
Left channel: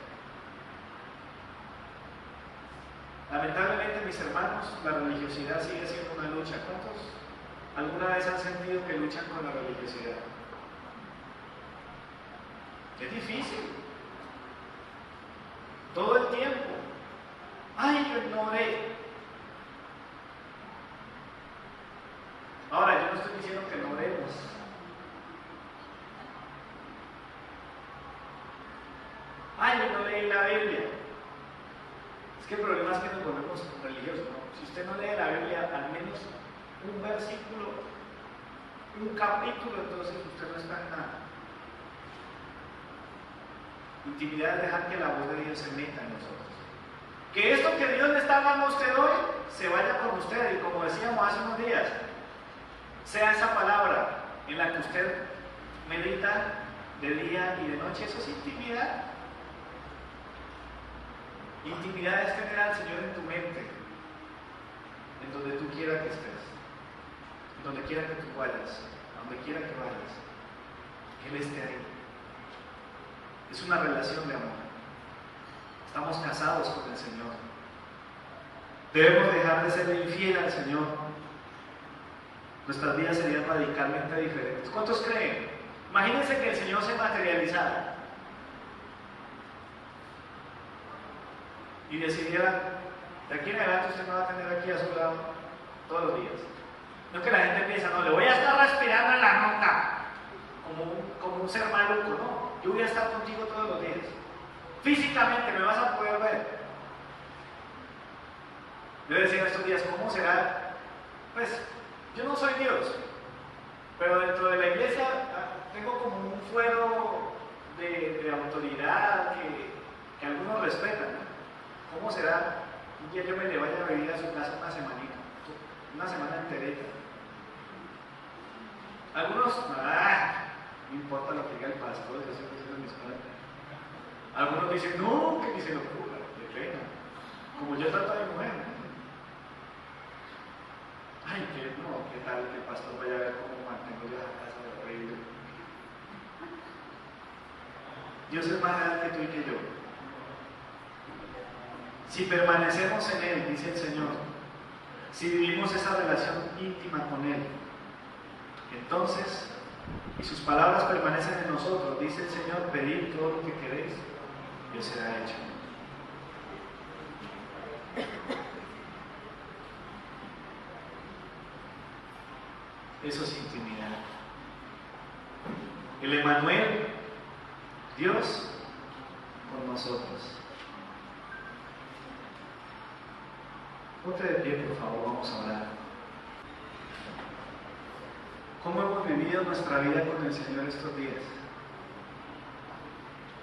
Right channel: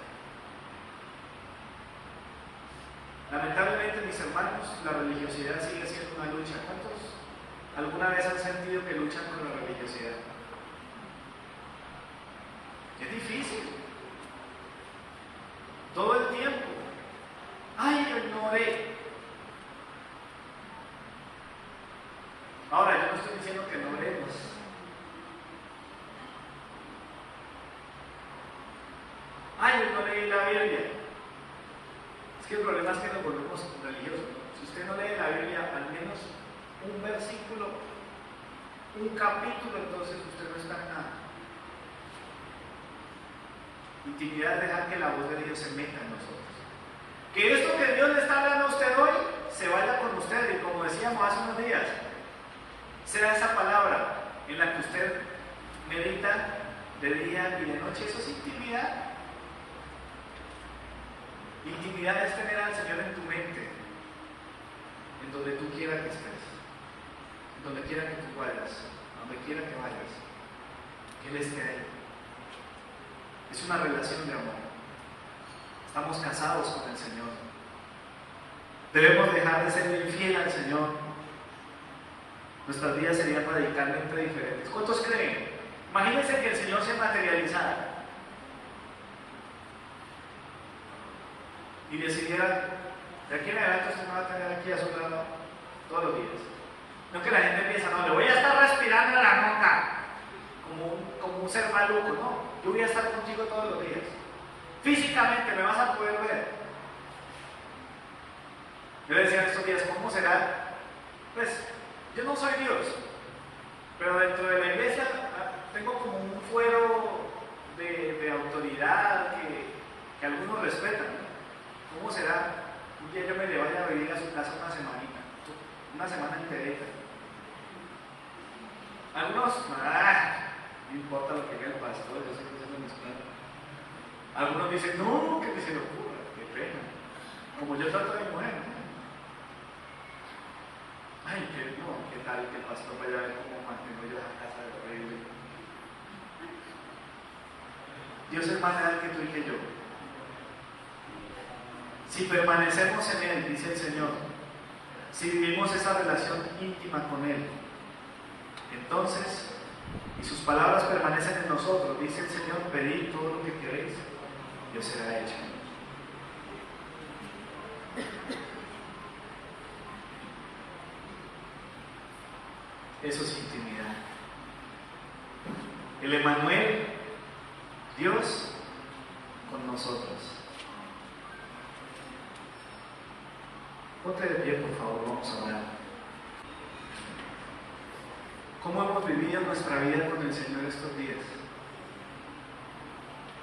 Lamentablemente, mis hermanos, la religiosidad sigue siendo una lucha. ¿Cuántos alguna vez han sentido que luchan con la religiosidad? Es difícil. Todo el tiempo. ¡Ay, yo no oré! Ahora, yo no estoy diciendo que no oremos. ¡Ay, yo no leí la Biblia! Es que el problema es que nos volvemos religiosos, ¿no? Si usted no lee la Biblia, al menos un versículo, un capítulo, entonces usted no está en nada. Intimidad es dejar que la voz de Dios se meta en nosotros. Que esto que Dios le está hablando a usted hoy, se vaya con usted, y como decíamos hace unos días, sea esa palabra en la que usted medita de día y de noche. Eso es intimidad. Intimidad es tener al Señor en tu mente, en donde tú quieras que estés, en donde quiera que tú vayas, a donde quiera que vayas, que Él esté ahí. Es una relación de amor. Estamos casados con el Señor. Debemos dejar de ser infiel al Señor. Nuestras vidas serían radicalmente diferentes. ¿Cuántos creen? Imagínense que el Señor se materializara y decidiera, de aquí en adelante usted me va a tener aquí a su lado todos los días. No que la gente piensa, no, le voy a estar respirando en la nuca como un ser maluco, no. Yo voy a estar contigo todos los días. Físicamente me vas a poder ver. Yo le decía estos días, ¿cómo será? Pues, yo no soy Dios, pero dentro de la iglesia tengo como un fuero de autoridad que algunos respetan. ¿Cómo será? Un día yo me le vaya a venir a su casa una semana enterita. Algunos, no importa lo que diga el pastor, yo sé que eso es mi escuela. Algunos dicen, no, que ni se le ocurra, de pena. Como yo trato a mi mujer. Ay, qué tal que el pastor vaya a ver cómo mantengo yo la casa de reír. Dios es más real que tú y que yo. Si permanecemos en Él, dice el Señor, si vivimos esa relación íntima con Él, entonces, y sus palabras permanecen en nosotros, dice el Señor, pedid todo lo que queréis, y os será hecho. Eso es intimidad. El Emmanuel, Dios con nosotros. Ponte de pie, por favor, vamos a orar. ¿Cómo hemos vivido nuestra vida con el Señor estos días?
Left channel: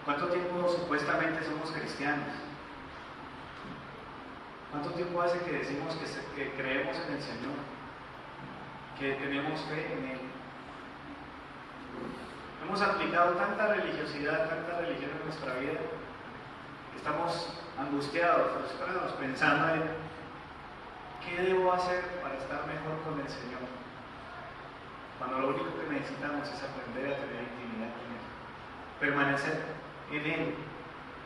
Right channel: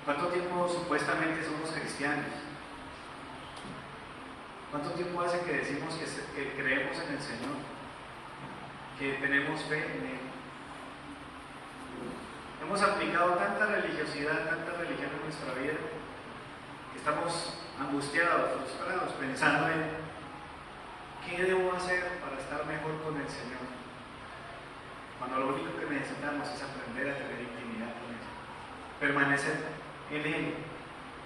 ¿Cuánto tiempo supuestamente somos cristianos? ¿Cuánto tiempo hace que decimos que creemos en el Señor? Que tenemos fe en Él. Hemos aplicado tanta religiosidad, tanta religión en nuestra vida, que estamos angustiados, frustrados, pensando en qué debo hacer para estar mejor con el Señor. Cuando lo único que necesitamos es aprender a tener intimidad con Él, permanecer en Él,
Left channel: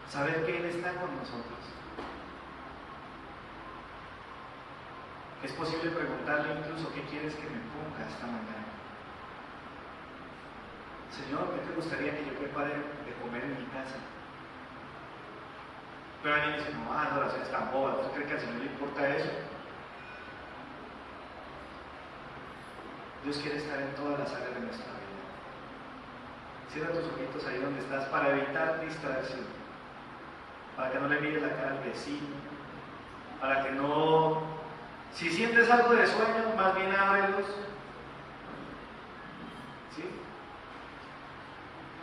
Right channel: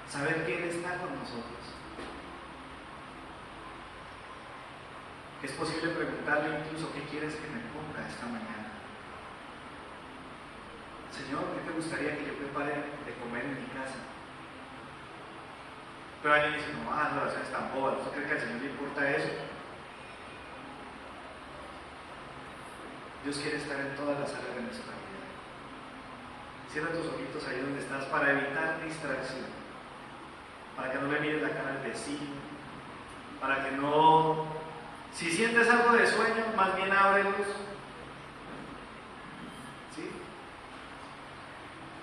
saber que Él está con nosotros. Es posible preguntarle incluso qué quieres que me ponga esta mañana. Señor, ¿qué te gustaría que yo prepare de comer en mi casa? Pero alguien dice, no, las oraciones están bobas, ¿usted cree que al Señor le importa eso? Dios quiere estar en todas las áreas de nuestra vida. Cierra tus ojitos ahí donde estás para evitar distracción, para que no le mires la cara al vecino, para que no, si sientes algo de sueño, más bien ábrelos. ¿Sí?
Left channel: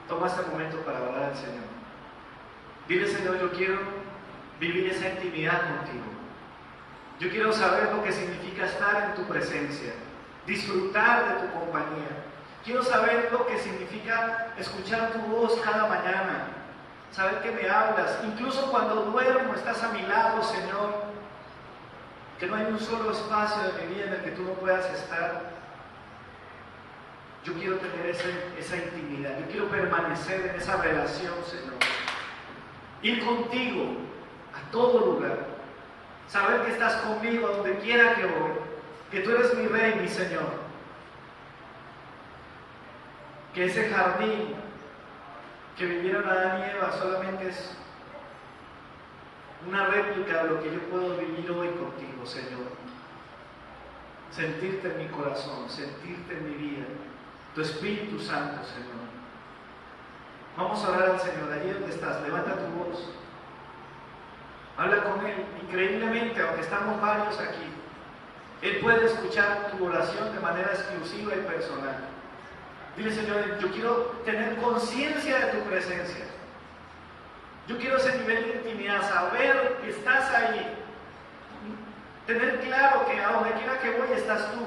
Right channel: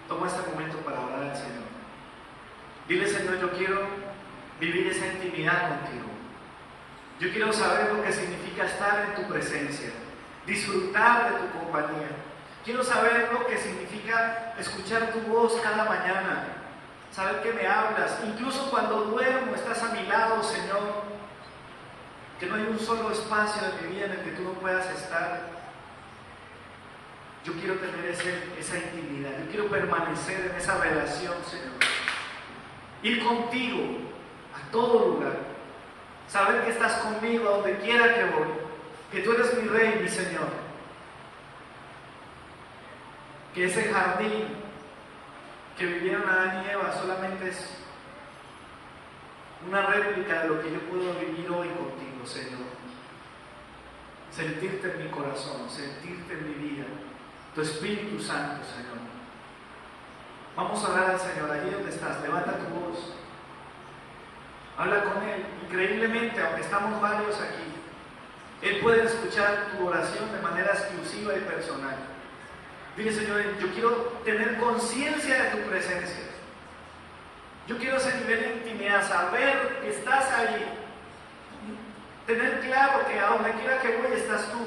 Toma este momento para orar al Señor. Dile, Señor, yo quiero vivir esa intimidad contigo. Yo quiero saber lo que significa estar en tu presencia, disfrutar de tu compañía. Quiero saber lo que significa escuchar tu voz cada mañana, saber que me hablas, incluso cuando duermo estás a mi lado, Señor, que no hay un solo espacio de mi vida en el que tú no puedas estar. Yo quiero tener esa intimidad, yo quiero permanecer en esa relación, Señor, ir contigo a todo lugar, saber que estás conmigo a donde quiera que voy, que tú eres mi Rey, mi Señor, que ese jardín que vivieron Adán y Eva solamente es una réplica de lo que yo puedo vivir hoy contigo, Señor. Sentirte en mi corazón, sentirte en mi vida, tu Espíritu Santo, Señor. Vamos a orar al Señor, allí donde estás, levanta tu voz, habla con Él. Increíblemente, aunque estamos varios aquí, Él puede escuchar tu oración de manera exclusiva y personal. Dile, Señor, yo quiero tener conciencia de tu presencia. Yo quiero ese nivel de intimidad, saber que estás ahí. Tener claro que a donde quiera que voy estás tú.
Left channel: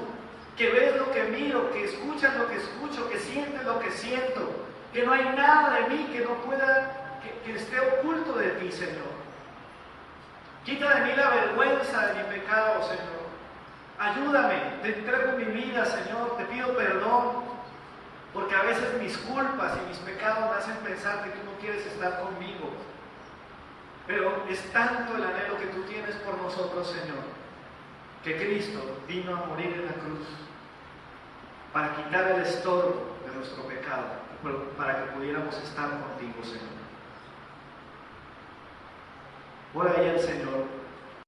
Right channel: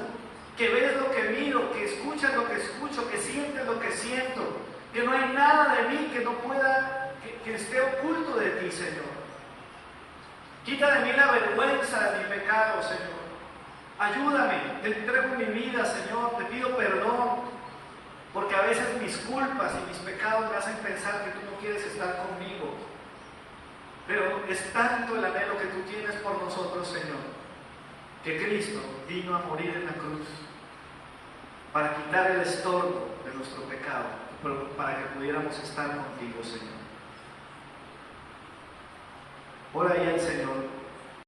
Que ves lo que miro, que escuchas lo que escucho, que sientes lo que siento. Que no hay nada de mí que no pueda, que esté oculto de ti, Señor. Quita de mí la vergüenza de mi pecado, Señor. Ayúdame, te entrego mi vida, Señor, te pido perdón, porque a veces mis culpas y mis pecados me hacen pensar que tú no quieres estar conmigo. Pero es tanto el anhelo que tú tienes por nosotros, Señor, que Cristo vino a morir en la cruz para quitar el estorbo de nuestro pecado, para que pudiéramos estar contigo, Señor. Ora ahí al Señor.